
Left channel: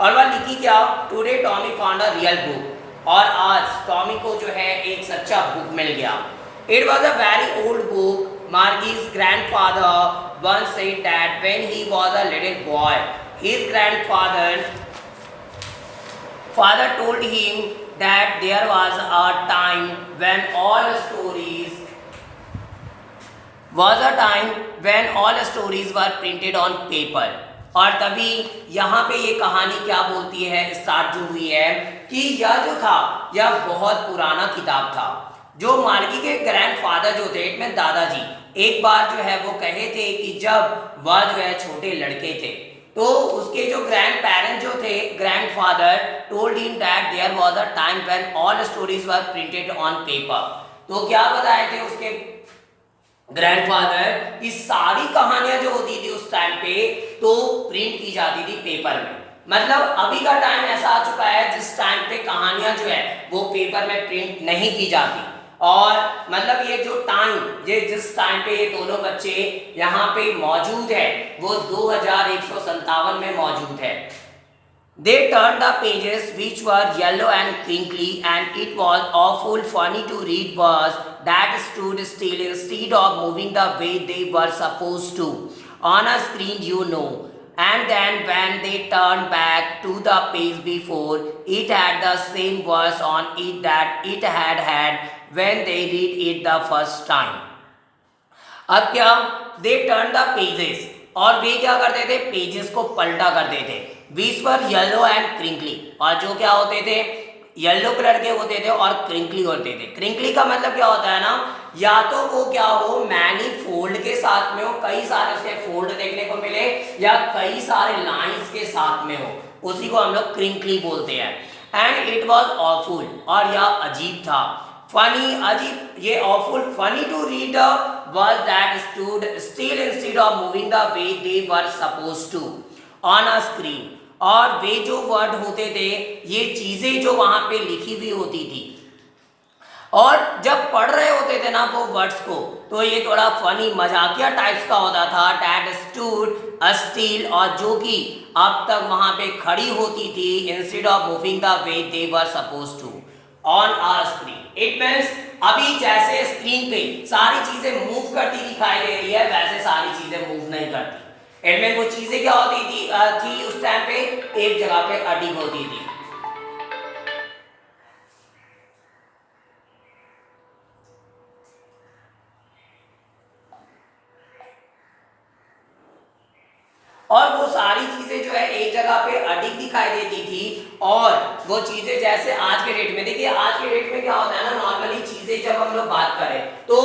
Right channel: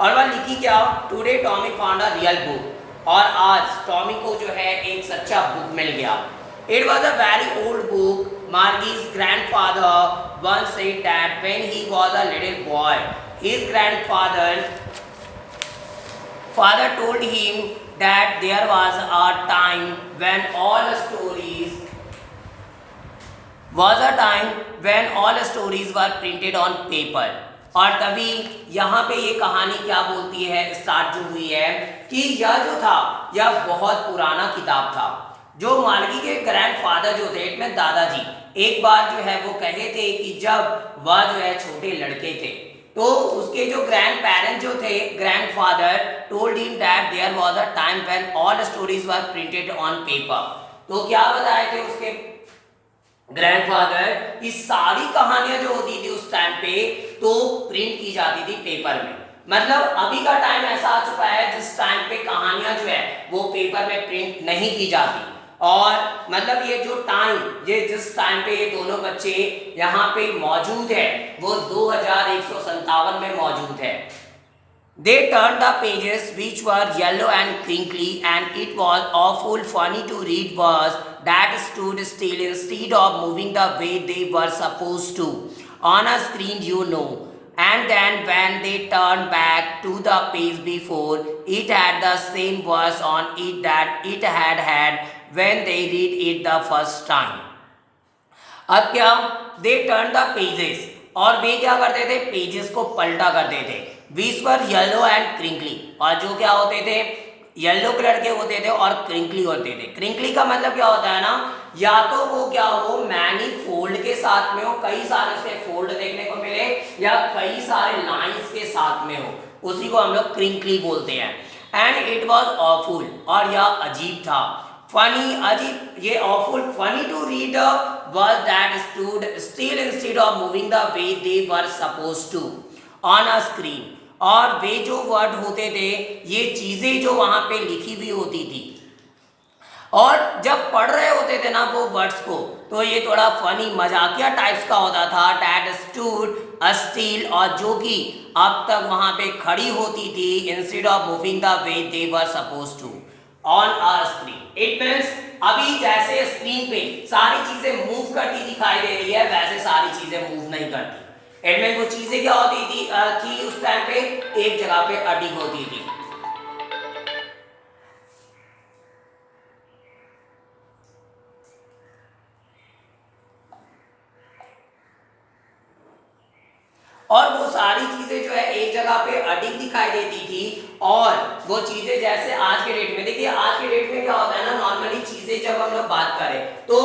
और वह लिखी क्या, today Tommy found a real book. और आज टॉमी को जो है एक सच्चा बुक मिल गया। It was a very old book. Margie's grandfather once said that when he was a little boy, his father told him that there was a time when all stories were printed on paper। और तभी यहाँ पे ये कहानी क्या बोलती है, start जो हुई है कि यह जो था यह बहुत पुराना किताब था। जो मार्गी के ग्रैंडफादर जो थे, इनमें दादाजी, एक बार जो है वो कहे थे कि जब वह जो है छोटे लड़के थे तो उसके जो ग्रैंड पेरेंट्स जो थे, grandfather told him that there was a time when all stories were printed on paper. तो क्या बताए थे उसके ग्रैंडफादर कि सारी कहानियां जो होती थी उस टाइम पे तो प्रिंट की जाती थी पेपर में। मतलब अभी का टाइम ऐसा आ चुका है जिस टाइम पे कहानियां जो है वो पेपर में प्रिंट नहीं की जाती। और मतलब ये जो टाइम, ये जिस टाइम पे ये दोनों बच्चे यहाँ पे मौजूद है वो 2157 में मौजूद है। They turned the pages which were yellow and crinkly, and it was awful funny to read words that stood still instead of moving the way they were supposed to on a screen, you know. And then when they turned back to the page before, it had the same words on it that it had had when they read it the first time। अब क्या, they turned the pages, और वे क्या करते थे, pages को पलटा करते थे। which were yellow and crinkly, और जो क्या होते थे, येलो कलर के होते थे और क्रिंकली होते थे। क्रिंकली का मतलब क्या होता है ना, या तो वो क्या हो मैनी फोल्ड के साथ में हो, कई सारे उसके फोल्ड देखने को मिले, या कई सारे लाइंस के साथ में हो, उसी को हम लोग क्रिंकली बोलते हैं। एंड इट वॉज ऑफुल, और यह अजीब था। फनी, अजीब, ये awful, funny to read word that stood still instead of moving the way they were supposed to on a screen. और वे जो वर्ड होते थे, ये चीजें जो वहां पे लिखी हुई होती थी, और जब पढ़ रहे होते थे ना वो वर्ड्स को, तो ये थोड़ा फनी मजाकिया टाइप्स का होता था। डैट स्टूड स्टिल, और जो कि अब तक वहां पे खड़ी होती थी instead of moving the way they were suppose to on a screen. It means अभी जैसे स्क्रीन पे सारी चीजें मूव करती दिखाई दे रही है, वैसे सारी चीजें मूव नहीं करती। इट मीन्स वो चीजें क्या होती थी उस टाइम पे एक जगह पे अडिग होती थी। और वो सारी चीजें जो है एक जगह पे अडिग दिखाई देती थी। और वो चीजें जैसे आज के डेट में, देखिए आज के डेट में क्या होता है ना, नॉर्मली चीजें जब हम लोग बात करें तो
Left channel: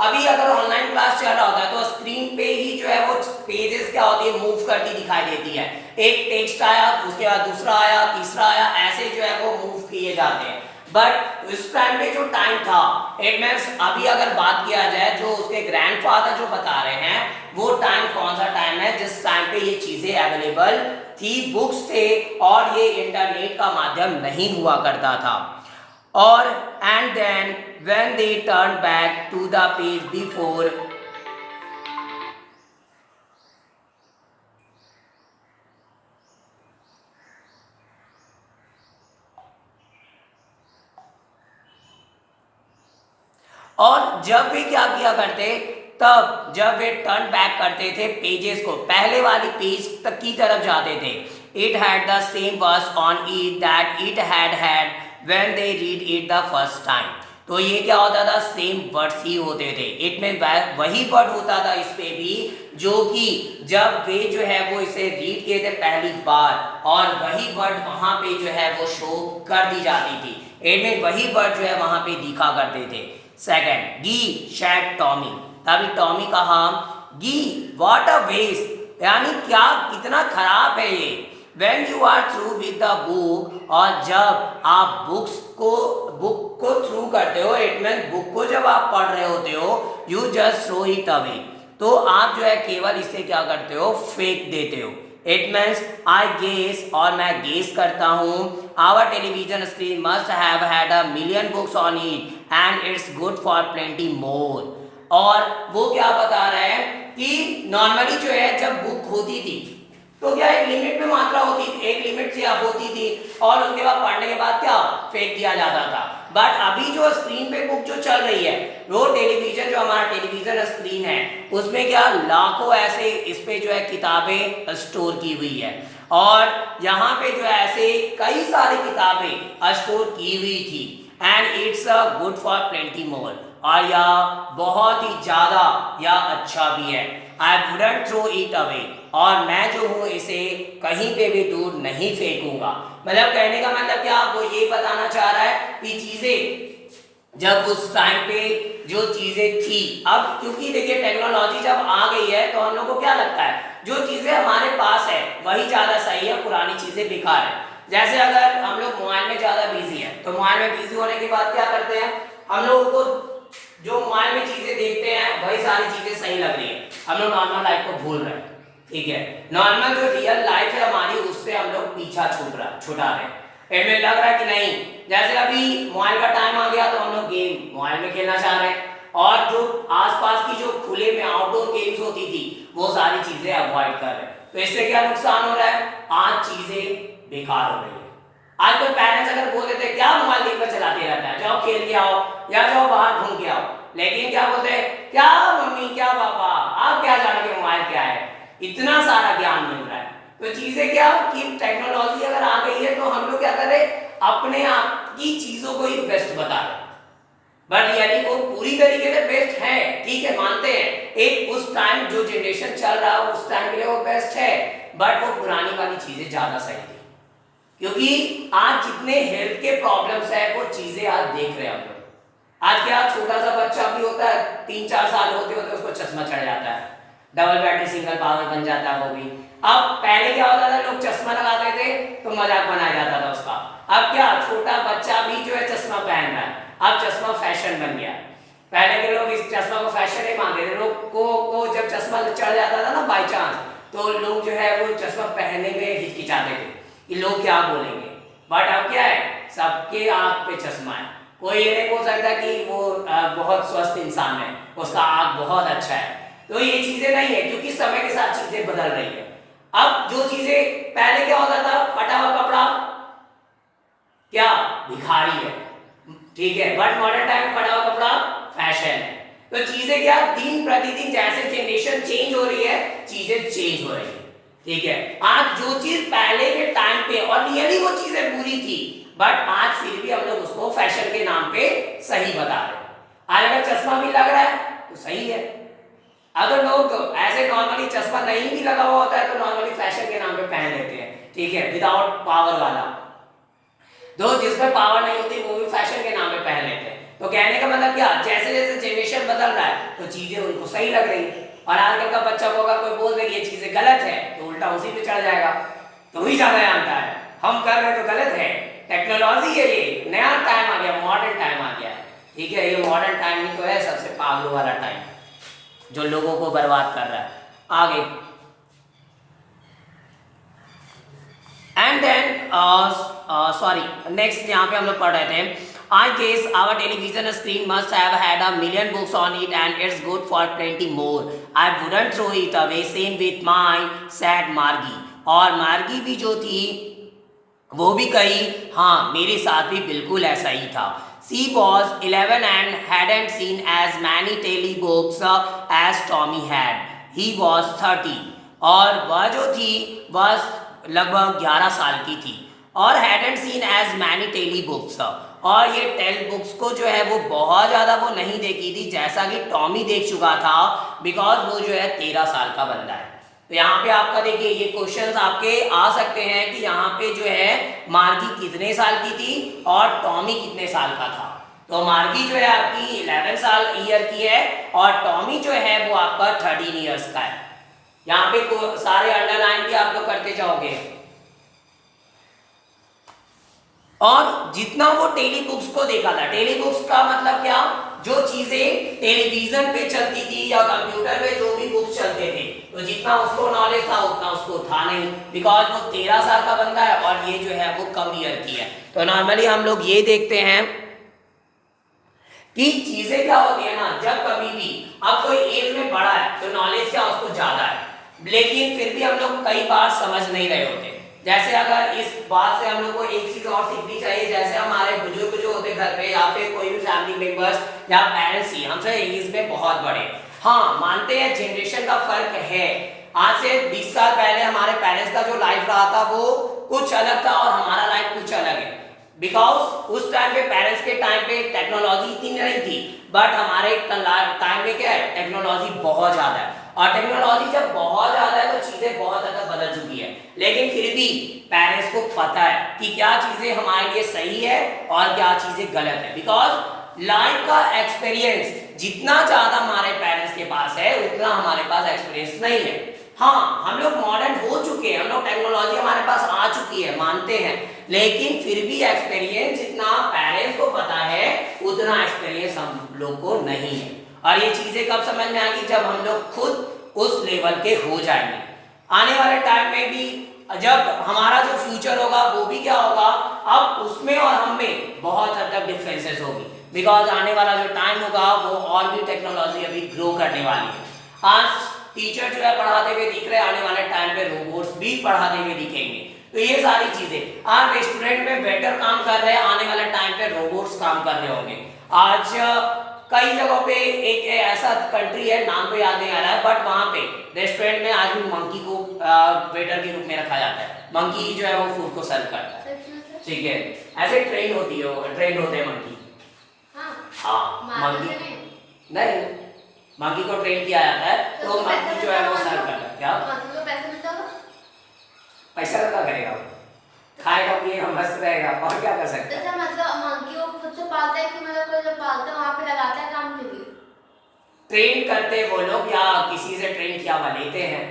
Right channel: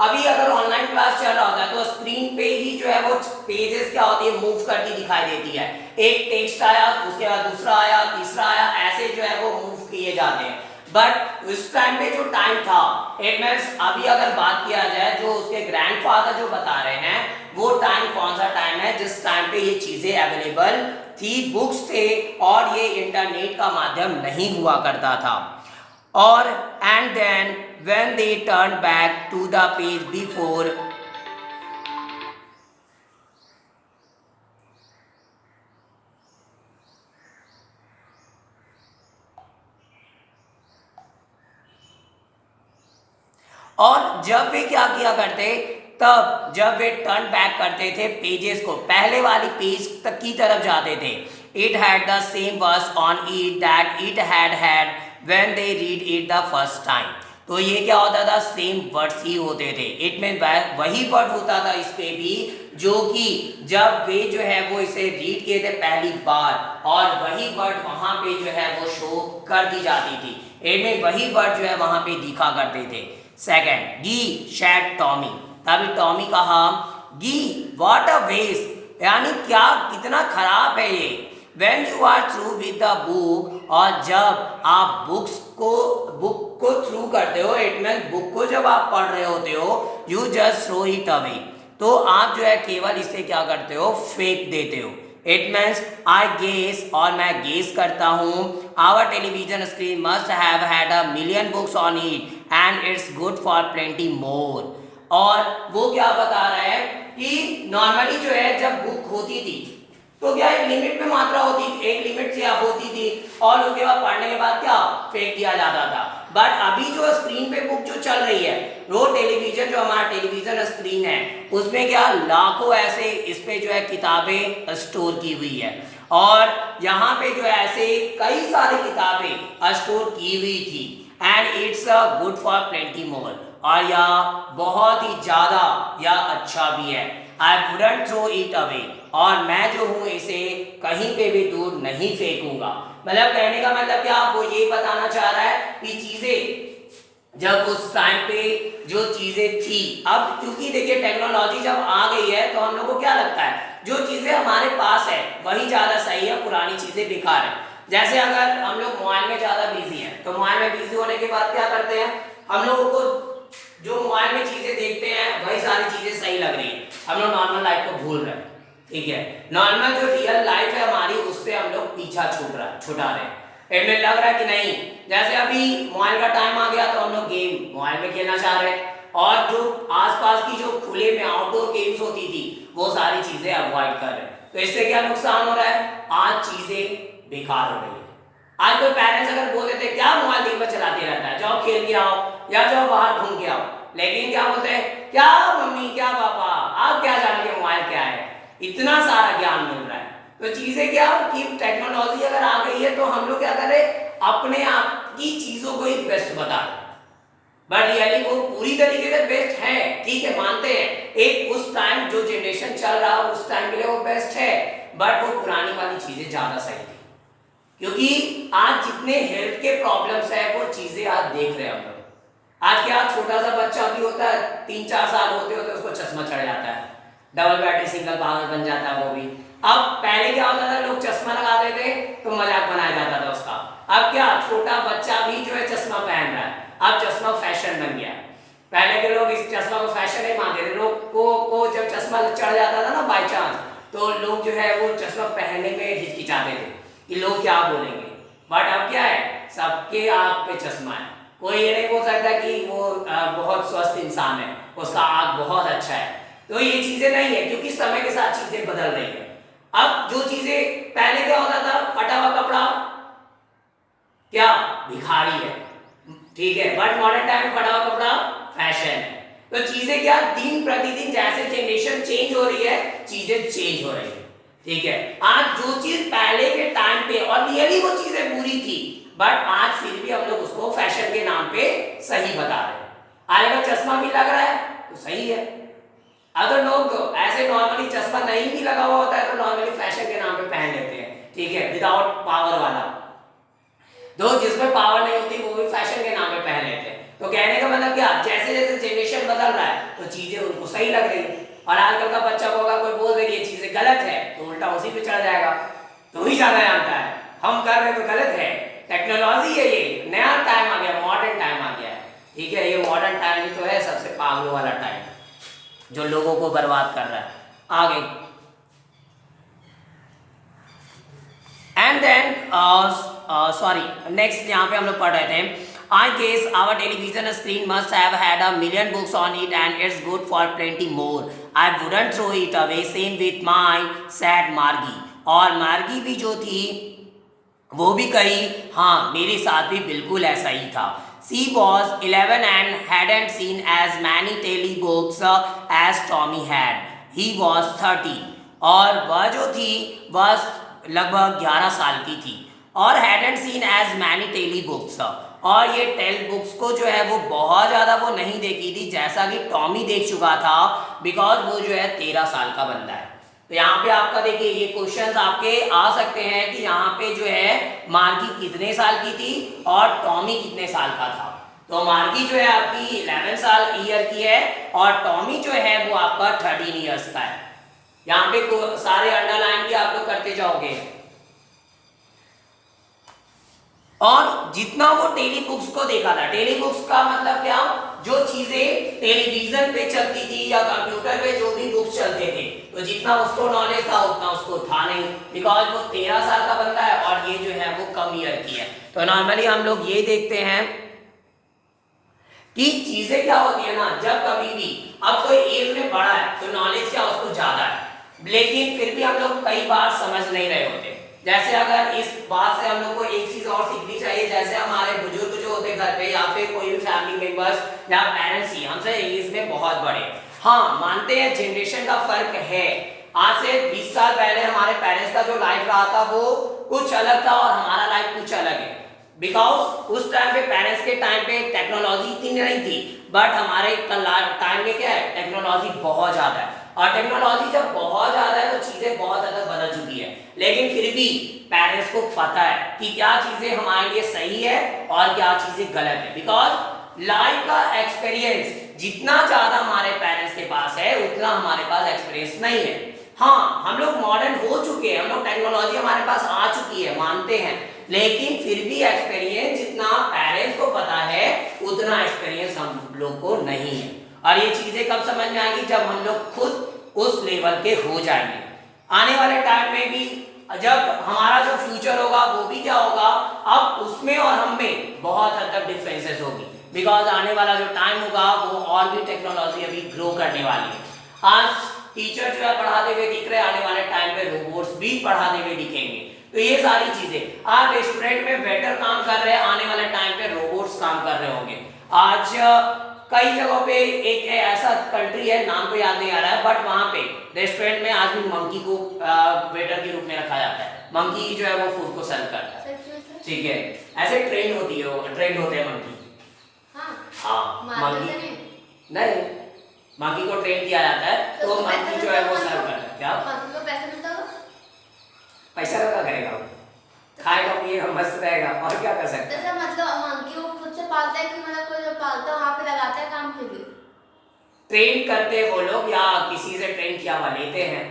अभी अगर ऑनलाइन क्लास चल रहा होता है तो स्क्रीन पे ही जो है वो पेजेस क्या होती है मूव करती दिखाई देती है। एक टेक्स्ट आया, उसके बाद दूसरा आया, तीसरा आया, ऐसे जो है वो मूव किए जाते हैं। बट उस टाइम पे जो टाइम था, इट मींस अभी अगर बात किया जाए जो उसके ग्रैंडफादर जो बता रहे हैं, वो टाइम कौन सा टाइम है जिस टाइम पे ये चीजें अवेलेबल थी, बुक्स थे और ये इंटरनेट का माध्यम नहीं हुआ करता था। और and then when they turn back to the page before, और जब वे क्या किया करते, तब जब वे टर्न बैक करते थे पेजेस को, पहले वाली पेज तक की तरफ जाते थे, it had the same words on it that it had when they read it the first time. तो ये क्या होता था, सेम वर्ड्स ही होते थे। इट में वही वर्ड होता था इस पे भी, जो कि जब वे जो है वो इसे रीड किए थे पहली बार, और वही वर्ड वहां पे जो है वो शो कर दी जाती थी। इनमें वही वर्ड जो है वहां पे दिखा करते थे। सेकंड, गी शैड टॉमी, तभी टॉमी कहा गी व्हाट अ वेस्ट, यानी क्या कितना खराब है ये। When you are through with the book, और जब आप बुक को थ्रू करते हो, इट मीन बुक को जब आप पढ़ रहे होते हो, you just throw it away, तो आप जो है केवल इसे क्या करते हो, फेंक देते हो। इट मीन्स आई गेस, और मैं गेस करता हूँ, our television screen must have had a million books on it and it's good for plenty more. और वो क्या बता रहा है कि नॉर्मली जो है जब बुक होती थी तो क्या एक लिमिट में मात्रा होती थी, एक लिमिट क्या होती थी, और उसके बाद पढ़ने के बाद क्या फेंक दिया जाता था। बट अभी जो स्क्रीन पे बुक जो चल रही है, वो टेलीविजन, जो हमारा टेलीविजन स्क्रीन है, उसमें क्या लाखों ऐसे इस पे जो है किताबें स्टोर की हुई है, और यहाँ पे जो है ऐसे कई सारी किताबें स्टोर की हुई थी। And it's a good for plenty more, और यह बहुत ही ज्यादा या अच्छा भी है। I wouldn't throw it away, और मैं जो हूँ इसे कहीं पे भी दूर नहीं फेंकूंगा। मतलब कहने का मतलब क्या, वो ये बताना चाह रहा है कि चीजें जब उस टाइम पे जो चीजें थी, अब क्योंकि देखिए टेक्नोलॉजी जब आ गई है तो हम लोग को क्या लगता है, जो चीजें हमारे पास है वही ज्यादा सही है, पुरानी चीजें बेकार है। जैसे अगर हम लोग मोबाइल में ज्यादा बिजी हैं, तो मोबाइल में बिजी होने के बाद क्या करते हैं, हम लोगों को जो मोबाइल में चीजें देखते हैं वही सारी चीजें सही लग रही है, हम लोग नॉर्मल लाइफ को भूल रहे हैं। ठीक है, नॉर्मल जो रियल लाइफ है हमारी, उससे हम लोग पीछा छुटा रहे हैं। इनमें लग रहा है कि नहीं, जैसे अभी मोबाइल का टाइम आ गया तो हम लोग गेम मोबाइल में खेलना चाह रहे हैं, और जो आसपास की जो खुले में आउटडोर गेम्स होती थी वो सारी चीजें अवॉइड कर रहे हैं। तो इससे क्या नुकसान हो रहा है, आज चीजें बेकार हो रही है। आज कोई पेरेंट्स अगर बोल देते क्या मोबाइल दिन भर चलाते रहता है, जाओ खेल के आओ या जाओ बाहर घूम के आओ, लेकिन क्या बोलते हैं, क्या मम्मी क्या पापा आप क्या जानोगे मोबाइल क्या है, इतना सारा ज्ञान मिल रहा है। तो चीजें क्या कि टेक्नोलॉजी अगर आ गई है तो हम लोग क्या कर रहे हैं, अपने आप की चीजों को ही बेस्ट बता रहे हैं, बट रियली वो पूरी तरीके से बेस्ट है। ठीक है, मानते हैं एक उस टाइम जो जनरेशन चल रहा है उस टाइम के लिए वो बेस्ट है, बट वो पुरानी वाली चीजें ज्यादा सही थी। क्योंकि आज जितने हेल्थ के प्रॉब्लम्स है वो चीजें आज देख रहे हैं हम लोग। आज क्या छोटा सा बच्चा भी होता है, 3-4 साल होते होते उसको चश्मा चढ़ जाता है, डबल बैटरी सिंगल पावर बन जाता है वो भी। अब पहले क्या होता था, लोग चश्मा लगाते थे तो मजाक बनाया जाता था उसका। अब क्या छोटा बच्चा भी जो है चश्मा पहन रहा है, अब चश्मा फैशन बन गया। पहले के लोग इस चश्मा को फैशन नहीं मानते थे, लोग को जब चश्मा चढ़ जाता था ना बाई चांस, तो लोग जो है वो चश्मा पहनने में हिचकिचाते थे कि लोग क्या बोलेंगे। बट अब क्या है, सबके आंख पे चश्मा है, कोई ये नहीं बोल सकता कि वो बहुत स्वस्थ इंसान है, उसका आँख बहुत अच्छा है। तो ये चीजें नहीं है, क्योंकि समय के साथ चीजें बदल रही है। अब जो चीजें पहले क्या होता था, फटा हुआ कपड़ा क्या भिखारी है, ठीक है, बट मॉडर्न टाइम में फटा हुआ कपड़ा फैशन है। तो चीजें क्या, दिन प्रतिदिन जैसे जनरेशन चेंज हो रही है, चीजें चेंज हो रही है, ठीक है। आज जो चीज पहले के टाइम पे और रियली वो चीजें बुरी थी, बट आज फिर भी हम लोग उसको फैशन के नाम पे सही बता रहे हैं। आज अगर चश्मा भी लग रहा है तो सही है, अगर लोग ऐसे नॉर्मली चश्मा नहीं भी लगा हुआ होता है तो नॉर्मली फैशन के नाम पे पहन लेते हैं, ठीक है, विदाउट पावर वाला। दो जिसमें पावर नहीं होती वो भी फैशन के नाम पे पहन लेते हैं। तो कहने का मतलब क्या, जैसे जैसे जनरेशन बदल रहा है तो चीजें उनको सही लग रही है। और आजकल का बच्चा को अगर कोई बोल दे कि ये चीजें गलत है तो उल्टा उसी पे चढ़ जाएगा, तो ही ज्यादा जानता है हम कर रहे तो गलत है। टेक्नोलॉजी है, ये नया टाइम आ गया, मॉडर्न टाइम आ गया है, ठीक है। ये मॉडर्न टाइम ही तो है सबसे पागलों वाला टाइम जो लोगों को बर्बाद कर रहा है। आगे एंड देन सॉरी नेक्स्ट यहाँ पे हम लोग पढ़ रहे थे, I guess our television screen must have had a million books on it and it's good for plenty more, I wouldn't throw it away, same with my sad Margi. और मार्गी भी जो थी वो भी कही, हाँ मेरे साथ भी बिल्कुल ऐसा ही था। She was 11 and hadn't seen as many telebooks as Tommy had. He was 13 और वह जो थी वह लगभग 11 साल की थी और hadn't seen as many telebooks, और ये टेल बुक्स को जो है वो बहुत ज़्यादा वो नहीं देखी थी जैसा कि टॉमी देख चुका था, बिकॉज वो जो है 13 साल का बंदा है। तो यहाँ पे आपका देखिए ये क्वेश्चंस आपके आ सकते हैं कि यहाँ पे जो है मार्गी कितने साल की थी और टॉमी कितने साल का था। तो मार्गी जो है आपकी 11 साल ईयर की है और टॉमी जो है वो आपका 13 ईयर्स का है। यहाँ पे सारे अंडरलाइन भी आप लोग करते जाओगे। और जितना वो टेली बुक्स को देखा था, टेली बुक्स का मतलब क्या, जो चीजें टेलीविजन पे चलती थी या कंप्यूटर पे जो भी बुक्स चलते थे, तो जितना उसको नॉलेज था उतना उसको था नहीं, बिकॉज वो 13 साल का बंदा है और ये जो है वो कम ईयर की है। तो नॉर्मली हम लोग ये देखते हैं कि चीजें क्या होती है ना, जब कभी भी अब कोई एज में बड़ा है तो नॉलेज क्या उसको ज्यादा है, लेकिन फिर भी हम लोग कई बार समझ नहीं रहे होते। जैसे अगर इस बात से हम लोग को एक चीज और सीखनी चाहिए, जैसे हमारे बुजुर्ग जो होते घर पे या फिर कोई भी फैमिली मेंबर्स या पेरेंट्स ही हमसे एज में बहुत बड़े, हाँ मानते हैं जनरेशन का फर्क है। आज से 20 साल पहले हमारे पेरेंट्स का जो लाइफ रहा था वो कुछ अलग था और हमारा लाइफ कुछ अलग है, बिकॉज उस टाइम पे पेरेंट्स के टाइम पे टेक्नोलॉजी इतनी नहीं थी, बट हमारे टाइम में क्या है टेक्नोलॉजी बहुत ज्यादा है। और टेक्नोलॉजी जब बहुत ज्यादा है तो चीजें बहुत ज्यादा बदल चुकी है, लेकिन फिर भी पेरेंट्स को पता है कि क्या चीजें हमारे लिए सही है और क्या चीजें गलत है, बिकॉज लाइफ का एक्सपीरियंस जितना ज्यादा हमारे पेरेंट्स के पास है उतना हमारे पास एक्सपीरियंस नहीं है। हाँ हम लोग मॉडर्न हो चुके हैं, हम लोग टेक्नोलॉजी हमारे पास आ चुकी है मानते हैं, लेकिन फिर भी एक्सपीरियंस जितना पेरेंट्स को पता है उतना एक्सपीरियंस हम लोग को नहीं है। और ये चीजें कब समझ में आएगी, जब हम लोग खुद उस लेवल के हो जाएंगे। आने वाले टाइम में भी जब हमारा जो फ्यूचर होगा वो भी क्या होगा, अब उसमें और हम में बहुत हद तक डिफरेंसेस होगी, बिकॉज आने वाला जो टाइम होगा वो और भी टेक्नोलॉजी अभी ग्रो करने वाली है। आज टीचर जो है पढ़ाते हुए दिख रहे हैं, आने वाले टाइम पे रोबोट्स भी पढ़ाते हुए दिखेंगे। तो ये सारी चीजें आज रेस्टोरेंट में वेटर काम कर रहे हैं, आने वाले टाइम पे रोबोट्स काम कर रहे होंगे। आज कई जगहों पे एक ऐसा कंट्री है, नाम तो याद नहीं आ रहा है, बट वहां पे रेस्टोरेंट में आज भी मंकी को वेटर के रूप में रखा जाता है। मंकी जो है वो फूड को सर्व करता है, ठीक है, ऐसे ट्रेन होती है, ट्रेन होते हैं मंकी। हाँ मंकी नहीं, मंकी को ट्रेन किया जाता है तो मंकी जो है वो सर्व करता है। क्या पैसा का क्या करेगा, खाएगा पिएगा मस्त रहेगा और क्या कर सकता है। मतलब मंकी को खुद से पालता है कि मतलब कोई जो पालता है वहां पे लगाता है काम के लिए, ट्रेन करते वो लोग या किसी से ट्रेन किया हुआ लेते हैं,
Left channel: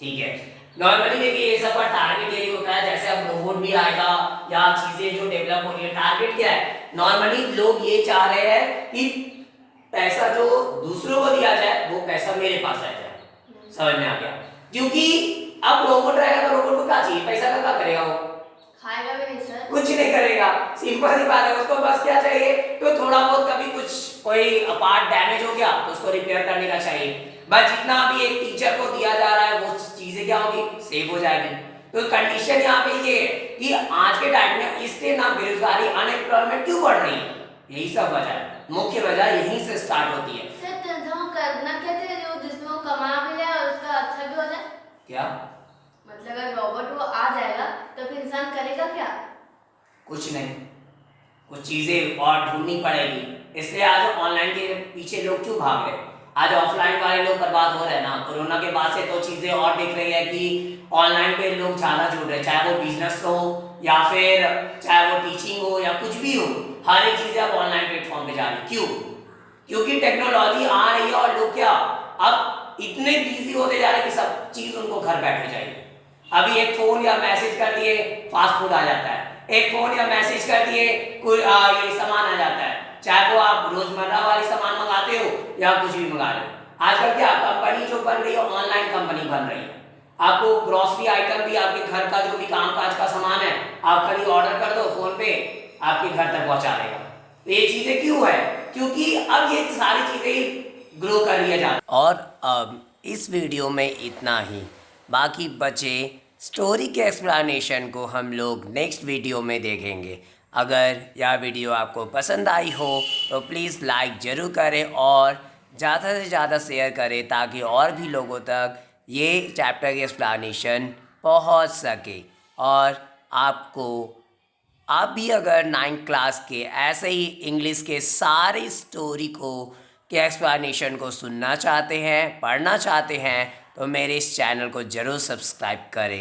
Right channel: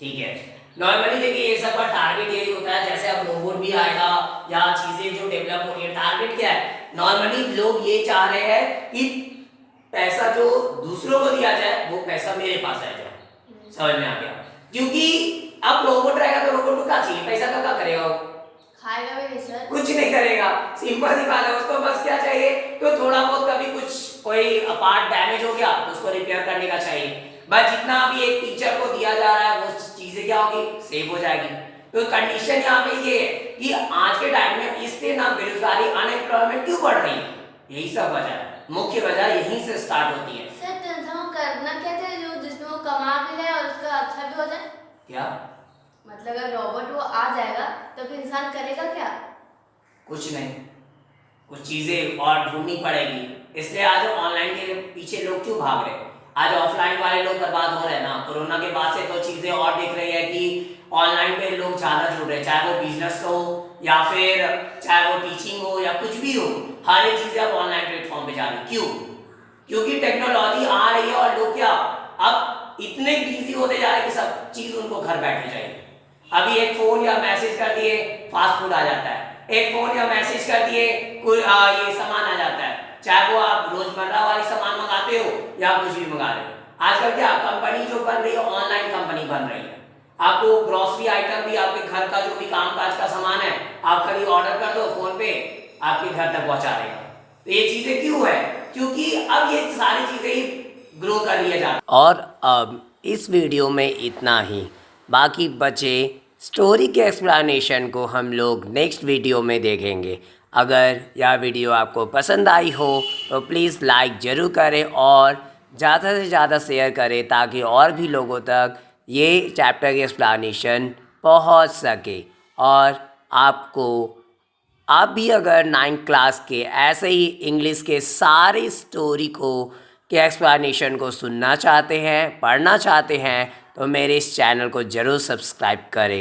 ठीक है। नॉर्मली देखिए ये सब का टारगेट यही होता है, जैसे अब रोबोट भी आएगा या चीजें जो डेवलप हो रही है, टारगेट क्या है, नॉर्मली लोग ये चाह रहे हैं कि पैसा जो दूसरों को दिया जाए वो पैसा मेरे पास आ जाए। समझ में आ गया, क्योंकि अब रोबोट रहेगा तो रोबोट को क्या चाहिए, पैसा का क्या करेगा वो, खाएगा भी नहीं सर। कुछ नहीं करेगा, सिंपल सी बात है। उसको बस क्या चाहिए, तो थोड़ा बहुत कभी कुछ कोई पार्ट डैमेज हो गया तो उसको रिपेयर करने का चाहिए। बस जितना अभी एक टीचर को दिया जा रहा है वो चीजें क्या होगी, सेव हो जाएगी। तो कंडीशन यहाँ पे ये है कि आज के टाइम में इससे ना बेरोजगारी, अनएम्प्लॉयमेंट क्यों बढ़ रही है, यही सब वजह है, मुख्य वजह यहीं से स्टार्ट होती है। सर तो हम करना क्या चाहिए जो जिसमें वो कमा भी जाए और उसका अच्छा भी हो जाए? क्या मतलब अगर रोबोट वो आ जाएगा तो फिर इंसान करेगा क्या? कुछ नहीं, कुछ चीजें और ढूंढनी पड़ेगी। इसलिए आज ऑनलाइन के पीछे लोग क्यों भाग रहे हैं, आज ऑफलाइन वाले लोग बर्बाद हो रहे हैं ना। कोरोना के बाद से तो चीजें और दिख रही है कि ऑनलाइन पे लोग ज्यादा जुड़ रहे हैं, चाहे वो बिजनेस हो या फिर चाहे वो टीचिंग हो या कुछ भी हो, हर एक चीजें अब ऑनलाइन प्लेटफॉर्म पे जा रही। क्यों? क्योंकि टेक्नोलॉजी आ रही है और लोग क्या अब इतने बिजी होते जा रहे हैं कि सब चीज उनको घर बैठे चाहिए। अभी एक फोन या मैसेज कर दिए फास्ट फूड आ जाता है, एक फोन या मैसेज कर दिए कोई ये सामान आ जाता है, चाहे वो आप रोजमर्रा वाले सामान मंगाते हो या कुछ भी मंगा रहे हो। आजकल क्या कंपनी जो बन रही है ऑनलाइन कंपनी बन रही है। आपको ग्रोसरी आइटम भी, आपके घर का जो भी काम काज का सामान है, आप खाली ऑर्डर कर दो फोन पे, आपके घर तक पहुंचा देगा। तो ये चीजें क्यों है, क्योंकि अब ये सारी चीजें ही ग्रो कर लिया जाता है। और अब इस वीडियो में इतना ही, बाकी बचे स्टोरी के एक्सप्लेनेशन को हम लोग नेक्स्ट वीडियो में देखेंगे। अगर यह वीडियो आपको पसंद आई हो तो प्लीज़ लाइक ज़रूर करें और ज़्यादा से ज़्यादा शेयर करें ताकि और भी लोगों तक ये चैप्टर की एक्सप्लेनेशन पहुंच सके। और आप भी अगर 9th क्लास के ऐसे ही इंग्लिश के सारे स्टोरी को के एक्सप्लेनेशन को सुनना चाहते हैं, पढ़ना चाहते हैं, तो मेरे इस चैनल को ज़रूर सब्सक्राइब करें।